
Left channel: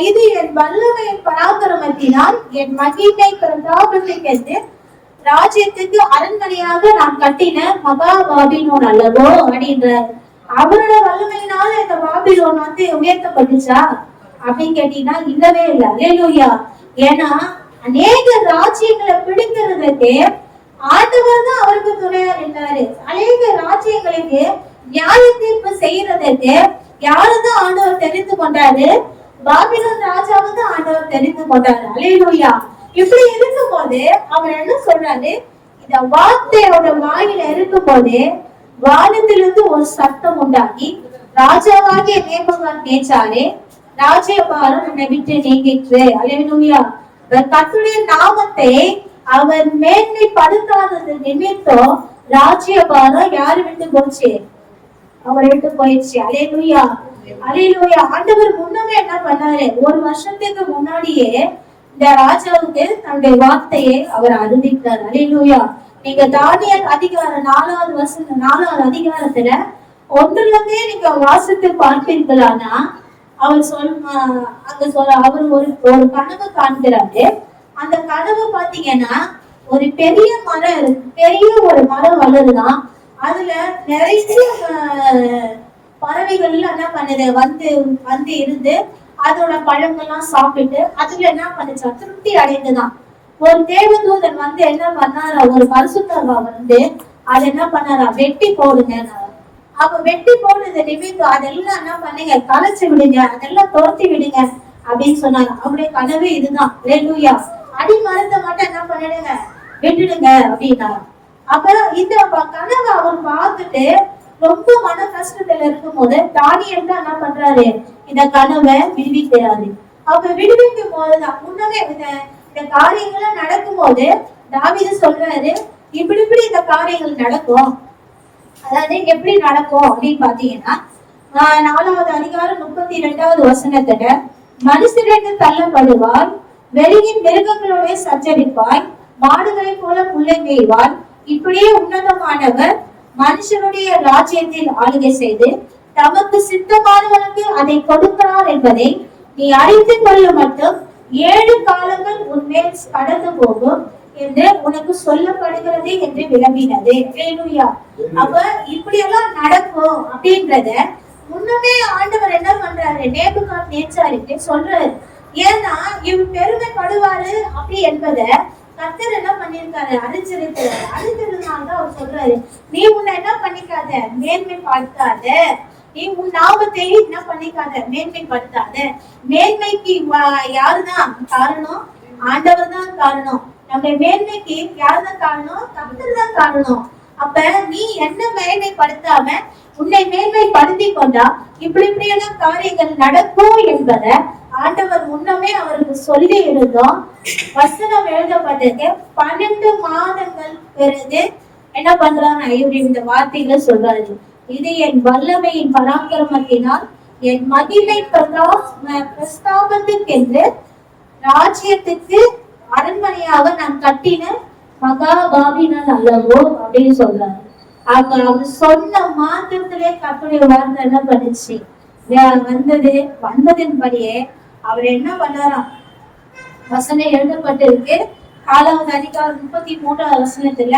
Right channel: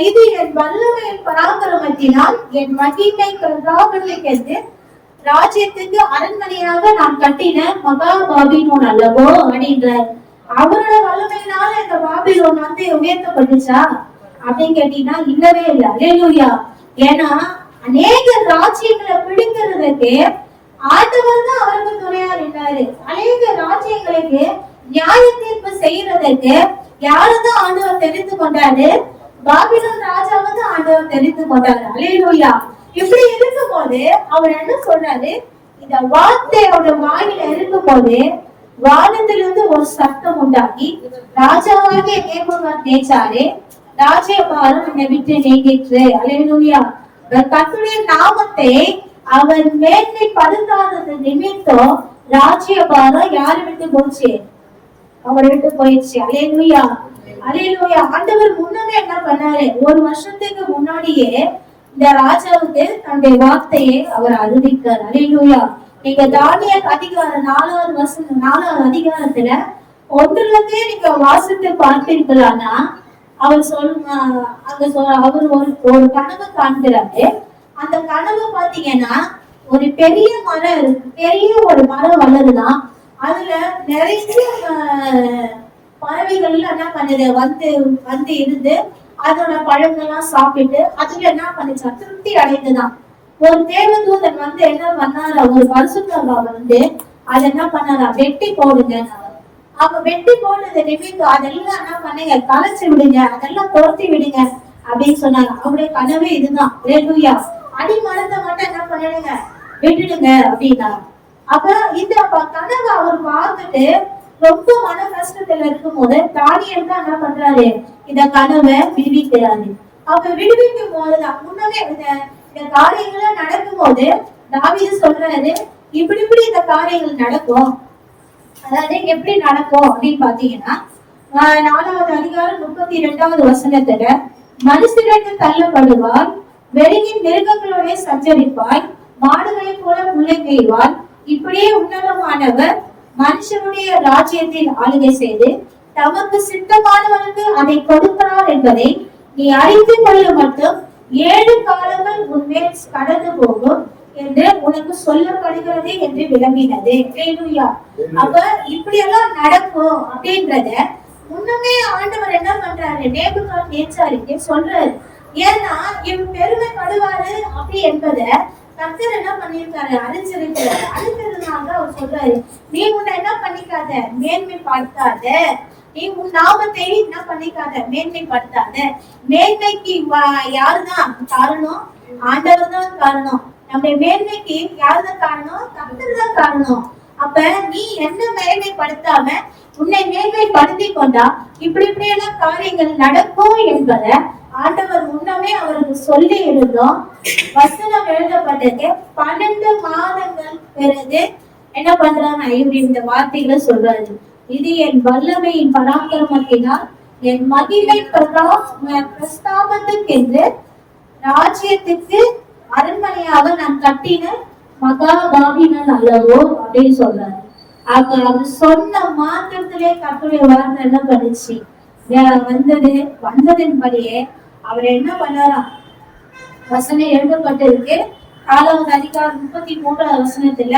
இது என் வல்லமையின் பராக்கிரமத்தினால் என் மகிமை பிரதாபத்துக்கு ராஜ்யத்துக்கு அரண்மனையாக நான் கட்டின மகா பாபிலோன் அல்லவோ அப்படின்றார். அவரோட வல்லமையினால இந்த பாபிலோன் வந்து உயர்த்தப்பட்டுச்சா அப்படின்னு கேட்டீங்கன்னா இல்லவே இல்லை. அல்லேலூயா. ஏன்னா அநேக ராஜ்யங்களை பிடிக்கிறதுக்கு ஆண்டவர் தான் அவருக்கு துணையா இருந்தாரு. அநேக ராஜ்யங்களுக்கு நியாய தீர்ப்பு செய்யறதுக்கு யாருதான் ஆண்டவர் தெரிந்து கொண்டாரு, பாபிலோன் ராஜாவை தான் ஆண்டவர் தெரிந்து கொண்டாரு. அல்லேலூயா. இப்படி இருக்கும் போது அவர் என்ன சொல்றாரு, இந்த வார்த்தையோட வாயில இருக்கும் போது வானத்திலிருந்து ஒரு சத்தம் உண்டாகி, ராஜாவாகிய நேபுகாத் நேச்சாரே, ராஜ்யபாரம் உன்னை விட்டு நீங்கிற்று. அல்லேலூயா. கர்த்தருடைய நாமத்தை அவர் மேன்மைப்படுத்தாதது நிமித்தம் ராஜ்யபாரம் யாரு விட்டு போச்சு, அவர் விட்டு போயிடுச்சு. அல்லேலூயா. அல்லேலூயா. ஆண்டவர் முன்னமே என்ன பண்ணாரு, ஒரு வருஷத்துக்கு முன்னாடியே இந்த ராஜாவுக்கு தன்னுடைய வார்த்தையை அவர் அறிவித்தார். அல்லேலூயா. நீங்க தானியேல் அதிகாரம் 4வது அதிகாரத்துல 1 நீங்க வாசித்து பார்ப்பீர்களானா, அவர் அவர் ஒரு கனவு காண்கிறாரு. அந்த கனவு பாத்தீங்கன்னா ஒரு பெரிய மரம் இருக்கு, பெரிய ஒரு மரம் வளருதான். அதுல நிறைய பறவைகள் எல்லாம் என்ன பண்ணுது, வந்து இருந்து அதோட பழங்கள்லாம் சாப்பிட்டு அதுல என்ன பண்ணுச்சா, திருப்தி அடைந்துதான். ஒரு தேவதூதன் வந்து என்ன பண்ணாரா, ஒரு பரிசுத்தவா வந்து அதை என்ன பண்ணாரா, வெட்டி போடுங்க. அப்ப வெட்டி போடுறது நிமித்தம் அதெல்லாம் என்ன பண்ணுங்க, கலைச்சு விடுங்க, அதெல்லாம் துரத்தி விடுங்க அப்படின்னு சொன்னாங்க. அவருடைய கனவே இதுதான். அல்லேலூயா. அடி மரத்தை மட்டும் என்ன பண்ணிடுங்க, விட்டுடுங்க அப்படின்னா. அப்ப இந்த கனவை அவர் பார்த்துட்டு ரொம்ப மன கஷ்டத்துல இருக்கும் போது தானியேல் தான் என்ன பண்றாரு, இந்த கனவை விடுவிக்கிறாரு. அப்ப விடுவிக்கும் போதுதான் முன்னமே இந்த காரியங்கள் நடக்கும் போது தாவீது சொல்றாரு, இப்படி இந்த காரியங்கள் நடக்கும். அதாவது எப்படி நடக்கும் அப்படின்னு பாத்தீங்கன்னா 4வது அதிகாரம் 32வது வசனத்துல, மனுஷரிடத்து தள்ளப்படுவாய், வெளியின் மிருகங்களுடைய சஞ்சரிப்பாய், மாடுகளை போல புல்லை மேய்வாய், இப்படியே உன்னதமானவர் மனுஷனுடைய ராஜ்யத்தில் ஆளுகை செய்து தமக்கு சித்தமானவனுக்கு அதை கொடுக்கிறார் என்பதை நீ அறிந்து கொள்ள மட்டும் 7 காலங்கள் உன்மேல் கடந்து போகும் என்று உனக்கு சொல்லப்படுகிறது என்று விளம்பினது. அல்லேலூயா. அப்ப இப்படி எல்லாம் நடக்கும் அப்படின்றத முன்னமே ஆண்டவர் என்ன பண்றாரு, நேபுகாத்நேச்சாருக்கு சொல்றாரு. ஏன்னா இவர் பெருமைப்படுவாரு அப்படி என்பதை கர்த்தர் என்ன பண்ணிருக்காரு, அறிஞ்சிருக்கிறாரு. அறிஞ்சதுனால அவர் சொல்றாரு, நீ உன்னை என்ன பண்ணிக்காத, மேன்மைப்படுத்தாத, நீ உன் நாமத்தை என்ன பண்ணிக்காத, மேன்மைப்படுத்தாத. மேன்மைக்கு யாருதான் காரணம், ஆண்டவர் தான் காரணம். நம்முடைய மேன்மைக்கு யாருதான் காரணம், கர்த்தர் தான் காரணம். அப்ப நீ என்ன மேன்மைப்படுத்தாம உன்னை மேன்மைப்படுத்தி கொண்டா இப்படி எல்லாம் காரியங்கள் நடக்கும் என்பதை ஆண்டவர் முன்னமே அவருக்கு சொல்லி இருந்தோம். வசனம் எழுதப்பட்டது 12 மாதங்கள் பிறகு என்ன பண்றாங்க, இவர் இந்த வார்த்தைகளை சொல்றாரு, இது என் வல்லமையின் பராக்கிரமத்தினால் என் மகிமை பிரஸ்தாபத்துக்கென்று ராஜ்யத்துக்கு அரண்மனையாக நான் கட்டின மகாபாபினால் அல்லவோ அப்படின்னு சொல்றாரு. அவர் சொன்ன மாத்திரத்திலே கர்த்தருடைய வார்த்தை என்ன பண்ணுச்சு, வந்ததின்படியே அவர் என்ன பண்ணாராம், வசனம் எழுதப்பட்டிருக்கு 4வது அதிகாரம் 33வது வசனத்துல,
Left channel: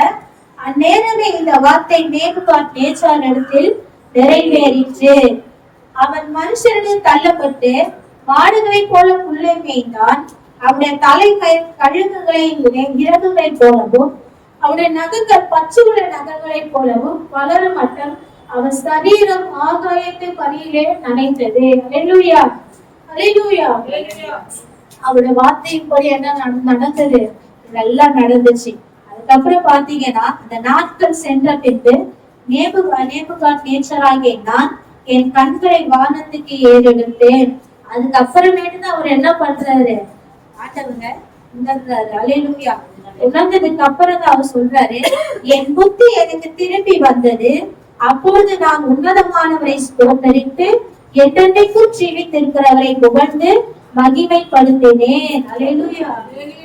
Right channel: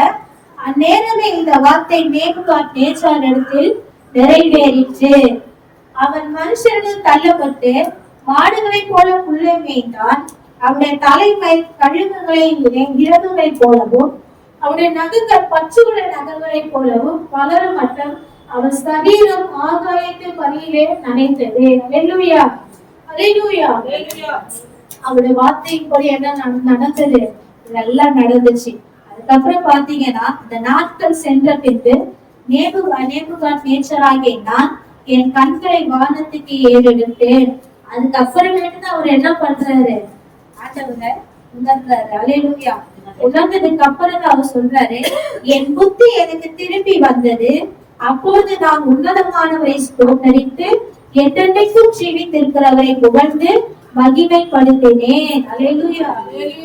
அந்நேரமே இந்த வார்த்தை நேபுகாத்நேச்சாரிடத்தில் நிறைவேறிற்று. அவன் மனுஷரிடம் தள்ளப்பட்டு மாடுகளை போல புல்லை மேய்ந்தான். அவனுடைய தலைமை கழுகுகளை இறகுகளை போலவும் அவனுடைய நகங்கள் பச்சுள்ள நகங்களை போலவும் வளர மட்டும் அவன் சரீரம் ஆகாயத்தை பணியிலே நனைந்தது. அல்லேலூயா, அல்லேலூயா. அவருடைய வார்த்தையின்படி என்ன நடந்தது, இதெல்லாம் நடந்துச்சு. அதுக்கப்புறம் பாத்தீங்கன்னா இந்த நாட்கள் சென்ற பின்பு நேபுகாத்நேச்சராகிய நான் என் கண்களை வானத்துக்கு ஏறெடுத்தேன். அதுக்கப்புறமேட்டு தான் அவர் என்ன பண்றாரு, ஆண்டவங்க உணர்றாரு. அல்லேலூயா. உணர்ந்ததுக்கு அப்புறம் தான் அவர் சொல்றாரு, என் புத்தி எனக்கு திரும்பி வந்தது. அப்பொழுது நான் உன்னதமானவரை ஸ்தோத்தரித்து என்றென்றைக்கும் ஜீவித்திருக்கிறவரை புகழ்ந்து மகிமைப்படுத்தினேன். அல்லேலூயா,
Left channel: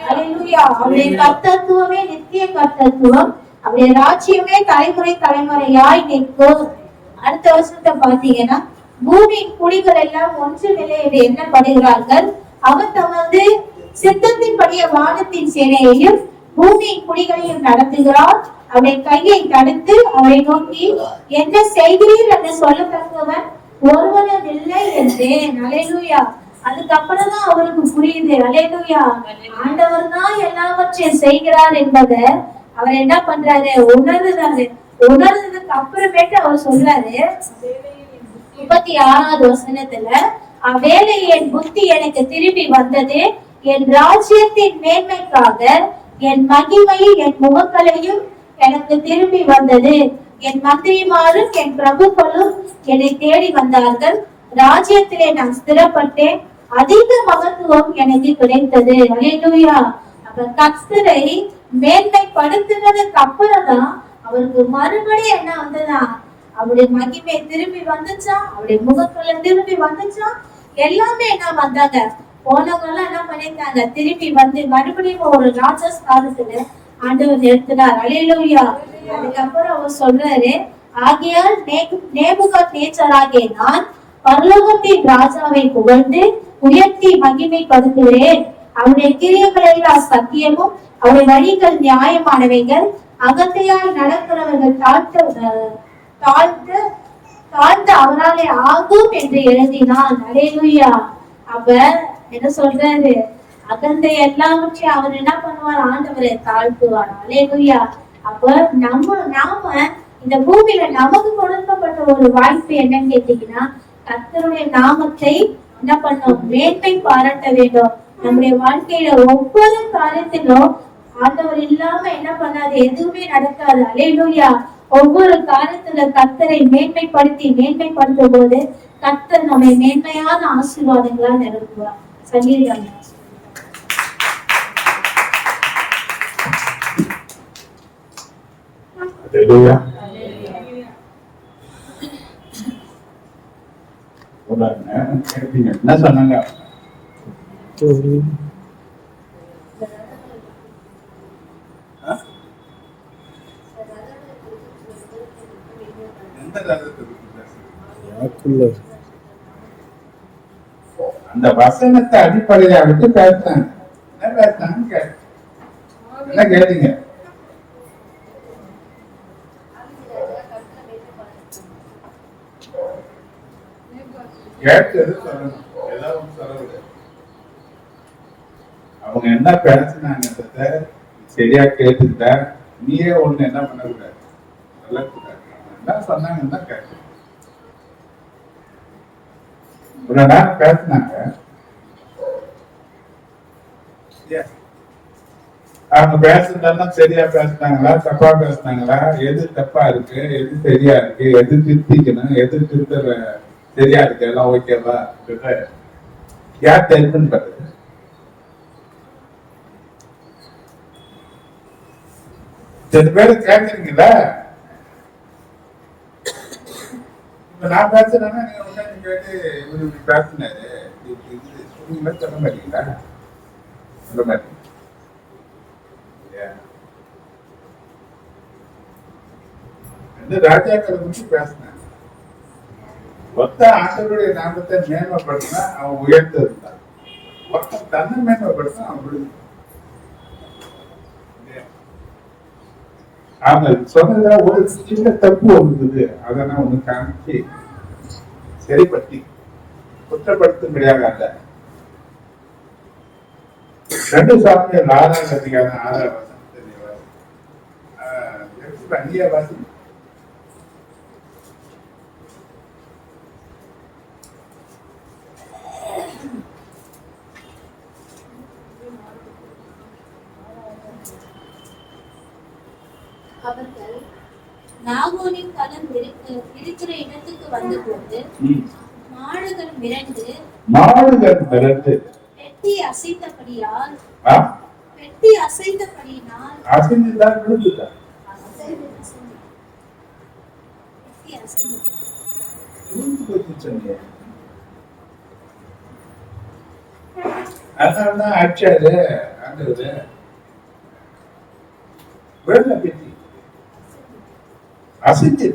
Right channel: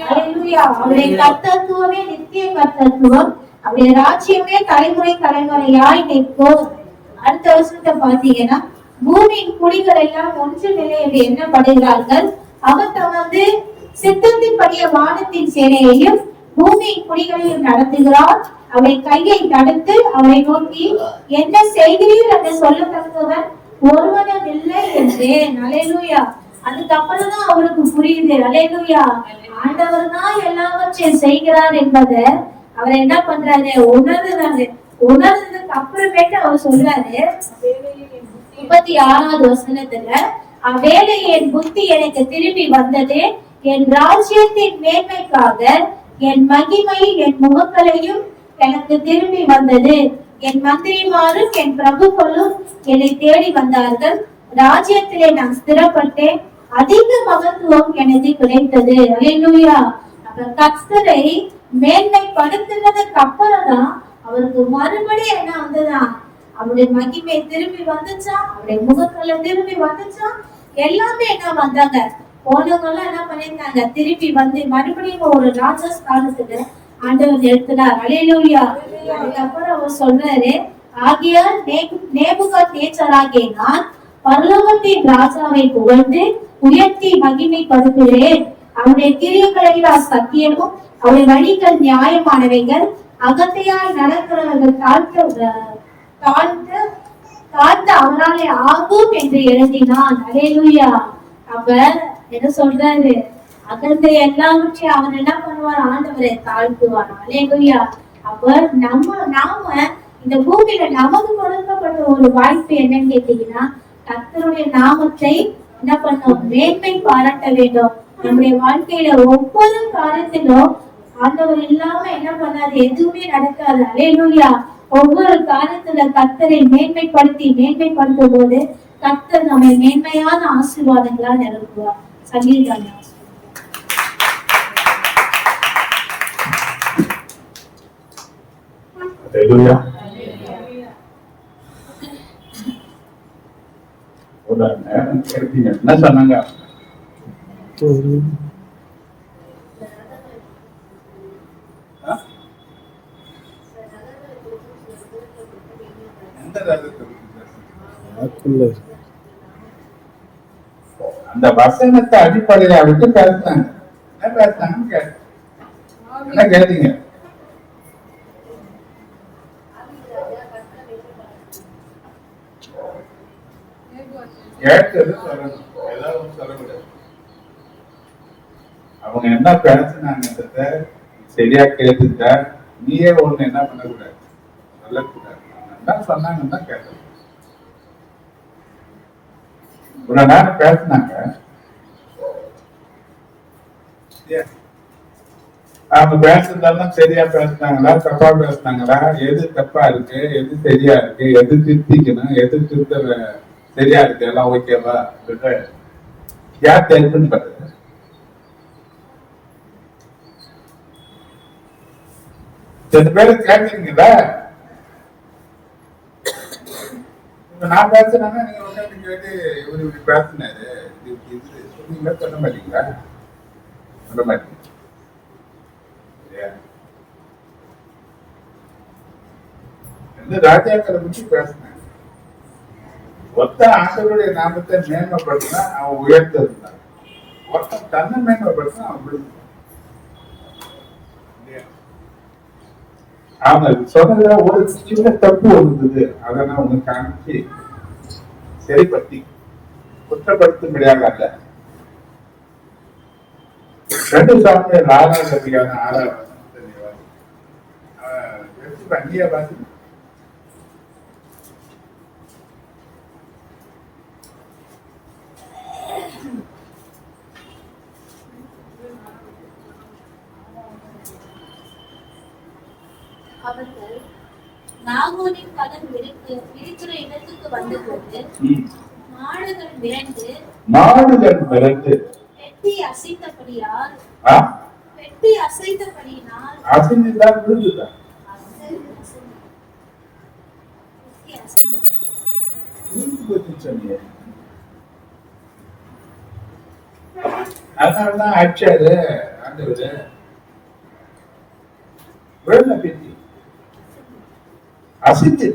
அல்லேலூயா. அவருடைய கர்த்தத்துவமே நித்திய கர்த்தத்துவம், அவருடைய ராஜ்யமே தலைமுறையாய் நிற்கும். அடுத்த வருஷத்தை பாத்தீங்கன்னா, பூமியின் குடிகள் எல்லாம் ஒன்றுமில்லை என்று எண்ணப்படுகிறார்கள். அவர் தமது சித்தத்தின்படிய வானத்தின் சேனையையும் பூமியின் குடிகளையும் நடத்துகிறார். அவருடைய கையை தடுத்து அவரை நோக்கி என்ன செய்கிறீர் என்று சொல்லத்தக்கவன் ஒருவனும் இல்லை என்றேன். அல்லேலூயா. அதுக்கப்புறம் தான் அவருக்கு புரியுது, அல்லேலூயா, ஆண்டவர் தான் எல்லாவற்றையும் செய்கிறார் என்பதை அவர் என்ன பண்றாரு, உணர்றாரு. உணர்ந்ததுக்கு அப்புறமேட்டு அவர் சொல்றாரு 36வது வசனத்துல, அவ்வேளை என் புத்தி எனக்கு திரும்பி வந்தது, என் ராஜ்யத்தின் மேன்மைக்காக என் மகிமை என் முகக்களையும் எனக்கு திரும்பி வந்தது. என் மந்திரிமாரும் என் பிரபுக்களும் என்னை தேடி வந்தார்கள். ராஜ்யத்திலே நான் ஸ்திரப்பட்டேன், அதிக மகத்துவம் எனக்கு கிடைத்தது. அல்லேலூயா. அப்ப கர்த்தரை மேன்மைப்படுத்தினதுக்கு அப்புறம் தான் அவருக்கு மறுபடியும் என்ன வந்ததா, அவருடைய மகிமை திரும்பி வந்துச்சா, அவருடைய முகத்துல திரும்பி வந்துச்சா, எல்லாமே என்ன வந்தாங்க, போனவங்க எல்லாம் என்ன பண்ணிருந்தாங்க, திரும்பி வந்து மறுபடியும் ஒரு ராஜஸ்தானத்துல ஆண்டவர் நிறுத்தினார். அல்லேலூயா. அதுக்கப்புறம் அவர் சொல்றாரு, ஆகையால் நேபுகாத்நேச்சராகிய நான் பரலோகத்தின் ராஜாவை புகழ்ந்து உயர்த்தி மகிமைப்படுத்துகிறேன். அவருடைய கிரியைகள் எல்லாம் சத்தியமும் அவருடைய வழிகள் நியாயமானவைகள். அகத்தையால் நடக்கிறவர்கள் தாழ்த்த அவராலே ஆகும் என்று எழுதினான். அல்லேலூயா. அப்ப என்ன சொல்றாரு, அகந்த எல்லாவற்றையும் அவர் என்ன பண்ணுவார், ஆண்டவரை தாழ்த்துவார். அல்லேலூயா. அப்ப நாம இந்த பூமியில நமக்கு கொடுக்கப்பட்ட ஒரு வாய்ப்பு என்னன்னு கேட்டீங்கன்னா, கர்த்தருடைய நாமத்தை என்ன பண்ணோம், மேன்மை பாராட்ட வேண்டும். நம்முடைய வாழ்க்கையில ஒவ்வொரு காரியத்திலும் ஆண்டவர் இல்லாம என்ன பண்ணாது, எதுவுமே நடக்காது. அல்லேலூயா. ஒவ்வொரு காரியத்துல கர்த்தரை மேன்மைப்படுத்தும் போது கர்த்தர் நம்மை மேன்மையான ஆசீர்வாதங்களா நிரப்புவார். சங்கீதம். Hallelujah. ஒரு நேரம் கேட்பீங்க, என்ன சொன்னாங்க? எந்த ரகத்தை பத்தி பேசுறீங்க? அந்த வசனத்தை அடிப்படையா விட்டு பேசுறாங்க. என்ன பேசுறாங்கன்னு கேட்டேன். என்ன கேட்டீங்க? கேட்டது சொல்லணும், ஏதாவது சொல்லக்கூடாது. அவங்க என்ன பேசினாங்க சரியா கேட்டுட்டா நீயே ஒண்ணு என்ன பண்ணக்கூடாது, சொல்லக்கூடாது. அவங்க என்ன சொன்னாங்கன்னு தான் கேட்கணும். இவ்வளவு நேரம் பேசினாங்க, அவங்க பேசுறதெல்லாம் சரியா பேசினாங்களா தப்பா பேசினாங்களா, எது தப்பா இருக்கு எது சரியா இருக்கு, எது திருத்திக்கணும் எது திருத்த சரியா இருக்கு, எல்லாம் ஓகேவா யார் தெரிஞ்சுன்னு பாருங்க. ரெண்டு பேரும் கேட்கறீங்களா? இப்ப நான் பேசுறேன்னா நீங்க உட்காந்து கேட்டு இவரு இப்படி பேசினாரு இது சொன்னீங்களா, சொல்ல மாட்டீங்களா? சொல்ல மாட்டீங்க. ராஜாக்களை பற்றி பேசினாங்க. ஒத்த ஆண்டவருடைய நாமத்தை மேன்மைப்படுத்தினா அவன் உயர்த்து இருந்தான், ஒருத்தன் தன்னை மேன்மைப்படுத்தினா அவன் விழுந்தான். அவங்க சொன்னதுல ஒரு சின்ன தப்பு இருந்தது, அதை நான் உனக்கு காமிச்சு சரிப்படுத்தி குற்றப்படுத்தும்படியாக அல்ல. 2 சாமியார் 6ஆம் அதிகாரம் 6ஆம் வசனம். அவர்கள் நாகோனின் கடன் இருக்கிற இடத்துக்கு வந்தபோது மாடுகள் மிரண்டு பெட்டி அசைத்தபடியினால் அசைந்துதான் விழுந்துதான். அதனாலதான் அடிச்சாரு ஆண்டவரு. வெள்ள பெட்டி அசைஞ்சு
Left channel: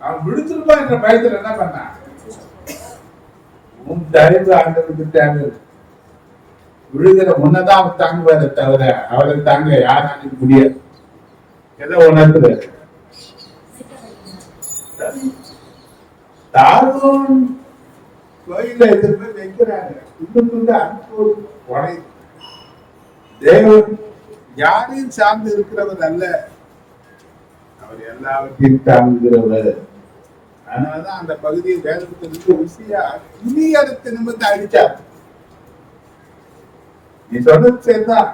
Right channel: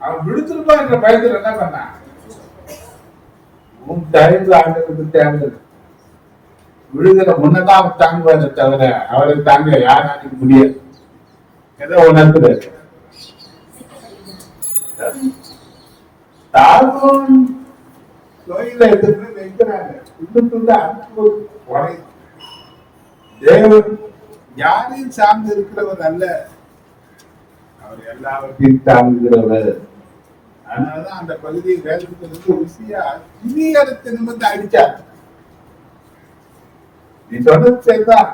அவன் விழுத்துருப்பா என்ற பயத்துல என்ன பண்ணான்? உன் தயவு ஆண்டவருக்கு தேவை. விழுகிற முன்னதான் அவன் தாங்குவாரு தவிர அவளுக்கு தாங்க யாராலும் முடியாது. ஏதோ உணர்ந்து தாகோன் கோயில எடுத்து போய் வைக்கிறாங்க. துண்டு அன்பு உடை. தேவன் யாரையும் சார்ந்து இருக்கிறவர் அல்ல, அவர் எல்லாவற்றையும் தாங்குகிறவர். அதனாலதான் அந்த பகுதியை வேதத்திலிருந்து ருசியா இனியரத்து நிமிர்ந்து அடிச்சார். நீ சொல்றது சரிதான்,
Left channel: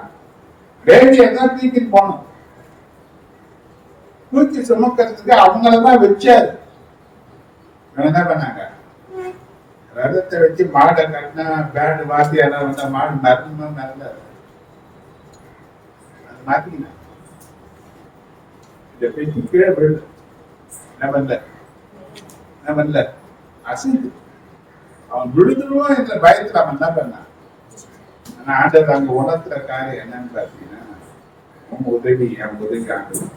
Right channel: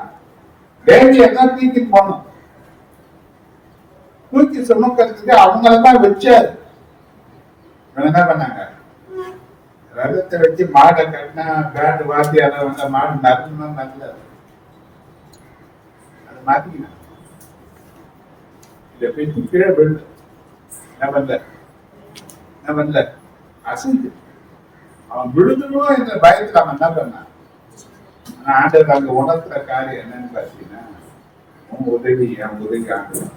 வேண்டி எல்லாம் தூக்கி போனோம், தூக்கி சுமக்கிறதுக்கு அவங்களதான் வச்சாரு. என்ன பண்ணாங்க? ரதத்தை வச்சு மாடை கட்டினா பேண்டு வாத்தியார வந்த மாடு நரமா நல்ல அதை மாத்திக்கினா இதை பெட்டி கீழே விழுது. என்ன பண்ணல அசைந்து அவன் விழுதுருவோம் என்ற பயத்துல அவன் என்ன பண்ணான்? ஆனா ஆண்டவர் அங்க உணர்த்துற காரியம் என்னன்னு பாத்தீங்கன்னா, உன் உதவி என் உதவி ஆண்டவர்.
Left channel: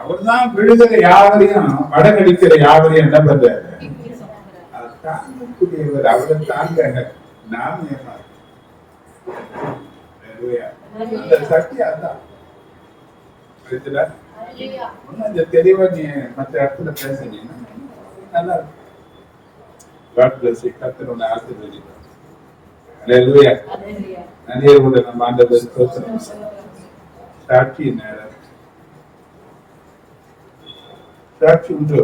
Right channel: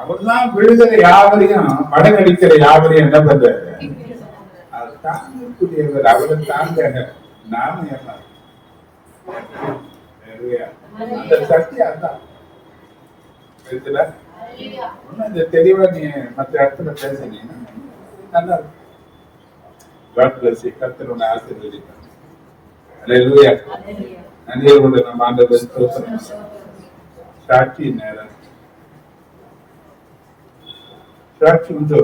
அவர்தான் விழுகிற யாவரையும் படகடிக்கிற யாவரையும் என்ன பண்றாரு? அது தாங்கக்கூடியவர். அவரை தாங்க நாம ஏமாறு. அந்த சக்தி அதுதான். இந்த தெளிவா நீ மற்ற இடத்துல பேசுனீங்கன்னா நல்லா இருக்கும். கர்த்தர் உன்னை ஆசீர்வதிப்பார். அல்லேலூயா. நன்றியோடு நம்ம ஆண்டவர் ஸ்தோத்திரம். சாட்சி நேரம் சாட்சி உண்டு.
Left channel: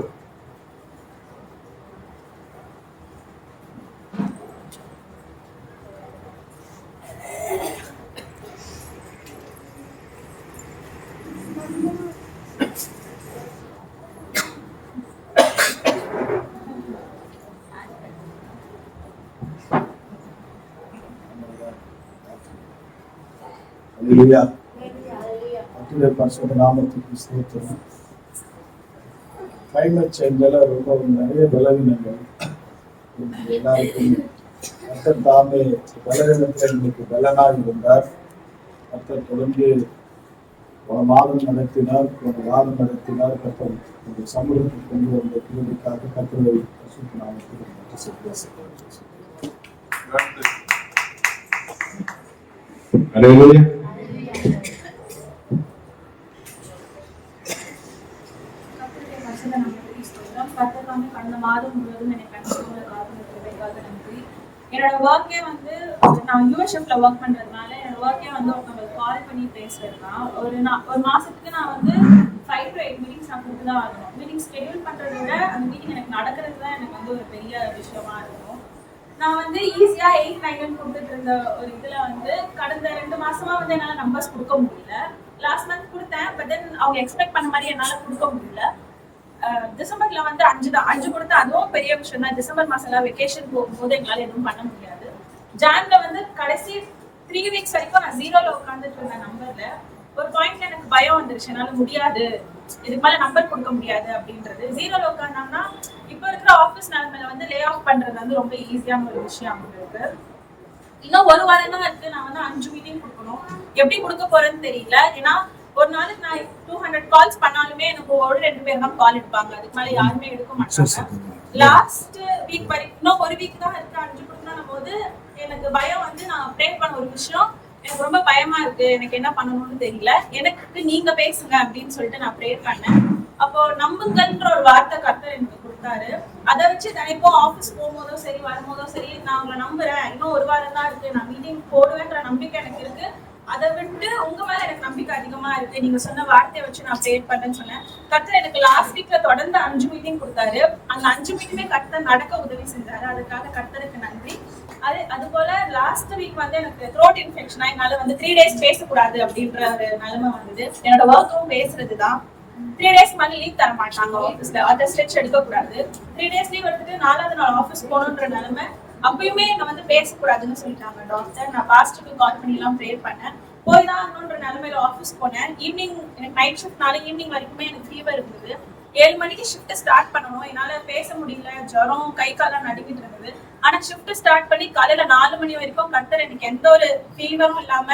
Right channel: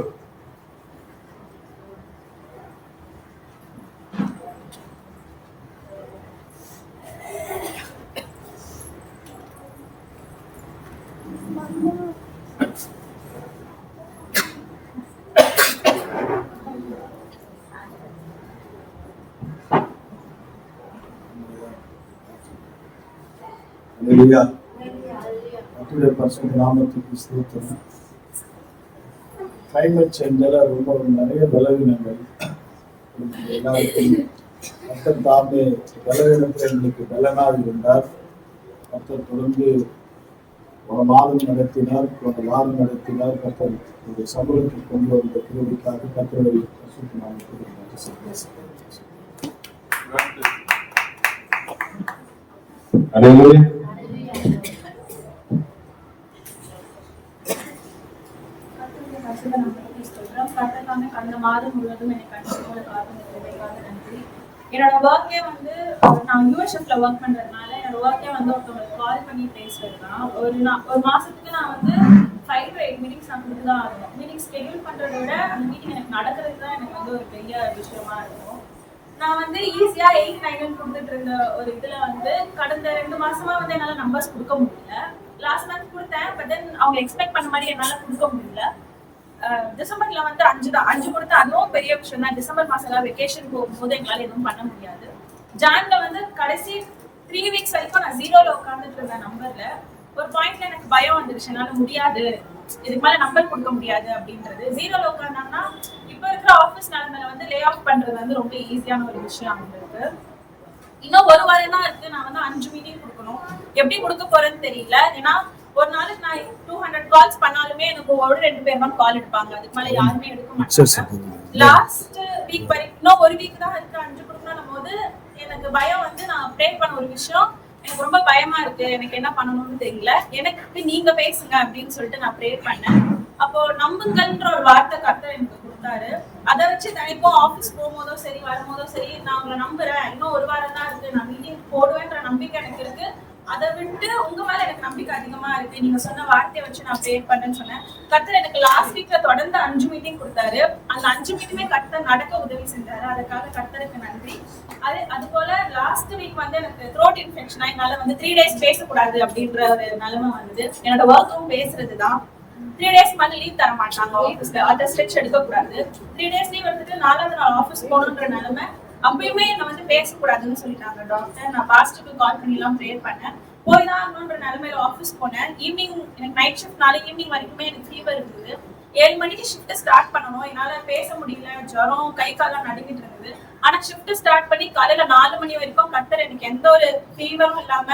அல்லேலூயா. கர்த்தருடைய பரிசுத்த நாமத்துக்கு ஸ்தோத்திரம். கிளைமேட் சேஞ்சால ரொம்ப நிறைய பலவீனங்கள் எல்லாருக்கும் கர்த்தர் தாமே பலவீனத்தில் எங்களுக்கு பலனாக இருந்தார். கர்த்தர் தொடர்ந்து ஒரு மாதம் நடத்தினார், ஒரு வாரம் நடத்தினார். கர்த்தர் இந்த சமூகத்தில் கொண்டு வந்த கிருபைக்காக கர்த்தருடைய பரிசுத்த நாமத்துக்கு நன்றி செலுத்துகிறேன். அல்லேலூயா. கர்த்தருடைய பரிசுத்த நாமத்துக்கு ஸ்தோத்திரம். கர்த்தர் தாமே கடந்த மாதம் முழுவதும் என்னை கண்ணுக்கு போல காத்து கிருபைக்காக நன்றி. என்னோட ஒர்க்கே வந்து நான் யூஎஸ்எஃப்ல ஒர்க் பண்றதுனால என்னோட ஒர்க்கே வந்து ஒருத்தவங்களுக்கு கால் பண்ணி பேசுறது தான். ஒரு மாசத்துக்கு நான் வந்து 5 to 8 மீட்டிங்ஸ் நான் கொடுத்து தான் ஆகணும். மீட்டிங் ஸ்கெடியூல் பண்றதை விட அந்த மீட்டிங் எனக்கு நடக்கிறது தான் எனக்கு வந்து ஒரு பெரிய விஷயமா இருக்கும். நான் வந்து ஈஸியா 8, 9 கொடுத்துட்டு இருந்த ஒரு இதுல வந்து கடந்த 2 மாசமா வந்து என்னால நம்பர்ஸ் கொடுக்க முடியல. லாஸ்ட் மந்த் கொடுத்தேன், பட் தென் அவங்க எக்ஸ்பெக்ட் பண்ண மாதிரி என்னால கொடுக்க முடியல. டிசம்பர்ல வந்து 5 கொடுத்தா அதுவும் பெரிய விஷயம் தான். டிசம்பர் மாசம் எல்லாம் வெக்கேஷன் போகும்போது எங்களால எதுவும் பண்ண முடியாது. ஜான்ல வந்து கடைசி 3 வீக்ஸ் வரைக்கும் நான் 0ல உட்காந்துட்டு இருந்த நம்பர்ல ஒரு பாயிண்ட்ல எனக்கு பயம் வந்துருச்சு, என்னால முடியாது, இதுக்கு மேல நம்பர் கொடுக்க முடியாது அப்படின்றது. 0ல உட்காந்தாங்கன்னா இப்ப இருக்கிற ஆபீஸ் நிலைமையில வந்து லே ஆஃப் பண்றது வந்து ரொம்ப ஈஸியான ஒரு விஷயம் அவங்களுக்கு. இன்னும் ஒரு வாரம் தான் இருக்கு. நான் வந்து 5 மீட்டிங் கொடுக்கணும். எப்படி கொடுக்க போறேன்னு தெரியல. ஏன்னா ஒரு நாளுக்கு நான் 200 கால்ஸ் பண்ணாலுமே எனக்கு 1-2 பேர் தான் கால் எடுப்பாங்க. அதுக்கு மேல யாருமே எடுக்க மாட்டாங்க. லாஸ்ட் வீக் வரைக்கும் இன்னும் ஒரு வீக் தான் இருக்கு 5 கொடுக்கணும் போது எனக்கு பயம் வந்து நான் ப்ரே பண்ண ஒரு விஷயம் எனக்கு ரொம்ப பயமா இருக்கு, எனக்கு என்ன பண்ணணும்னு தெரியல, எனக்கு நீங்க பேசுங்க அப்படின்னு சொல்லிட்டு நான் ப்ரே பண்ணேன். அப்போ நம்புங்கன்ற ஒரு வார்த்தை கர்த்தர் எனக்கு கொடுத்தாரு. அதை வச்சு தினைக்கும் ஆஃபீஸ் போகும்போதோ சரி வரும்போதோ சரி நான் உங்களை நம்புறேன், இன்னும் ஒரு வாரம் தான் இருக்கு, நான் மீட்டிங் போடுவேன்ற நம்பிக்கை எனக்கு இருக்கு. அதை விட்டு உங்க மேல எனக்கு நம்பிக்கை அதிகமா இருக்கு, நீங்க சொன்ன வார்த்தையை வச்சு நான் ப்ரே பண்றேன்னு சொன்னேன். கர்த்தர் எனக்கு லாஸ்ட் வீக்ல தொடர்ந்து 5 மீட்டிங் கொடுத்தாரு. அந்த 5 மீட்டிங்குமே கர்த்தர் நடக்க உதவி செஞ்சாரு. அதுக்காக கர்த்தருக்கு நன்றி. அது போல லாஸ்ட் வீக் வந்து எனக்கு த்ரோட் இன்ஃபெக்ஷனா என்னால வந்து 3 days பேசக்கூடாது அப்படின்ற ஒரு நிலைமை வந்தது. என்னோட ஒர்க்கும் பேசுறதுதான். 3 days மேல லீவ் தர மாட்டாங்க ஆஃபீஸ்ல. அதை ஸ்ட்ரெச் எடுக்க கூடாது. 3 days லீவ் எடுத்துட்டு 4வது நாள் ஆஃபீஸ் போகணுன்ற நிலைமை. அப்பயுமே என்ன வந்து பேசக்கூடாதுன்னு சொல்லிட்டாங்க டாக்டர். நான் பாஸ்டருக்கு கால் பண்ணி எல்லாம் ப்ரேயர் பண்ணேன். போய் தான் ஆகணுன்ற நிலைமையில ஆஃபீஸ் போனேன். ஈவினிங் எனக்கு நைட் ஷிஃப்ட்னால ஈவினிங் வரைக்குமே எனக்கு ஃபீவர் இருந்தது. 7 மணிக்கு ஷிஃப்ட் ஸ்டார்ட் பண்ணணும். என்னால பேச முடியல, ஜுரம், கை காலம் நடுங்கிட்டு இருந்தது. ஆனா ஷிஃப்ட் ஸ்டார்ட் பண்ணி காலையில 4 மணி வரைக்கும் கர்த்தர் எனக்கு எந்த ஒரு ஃபீவரும் இல்லாம,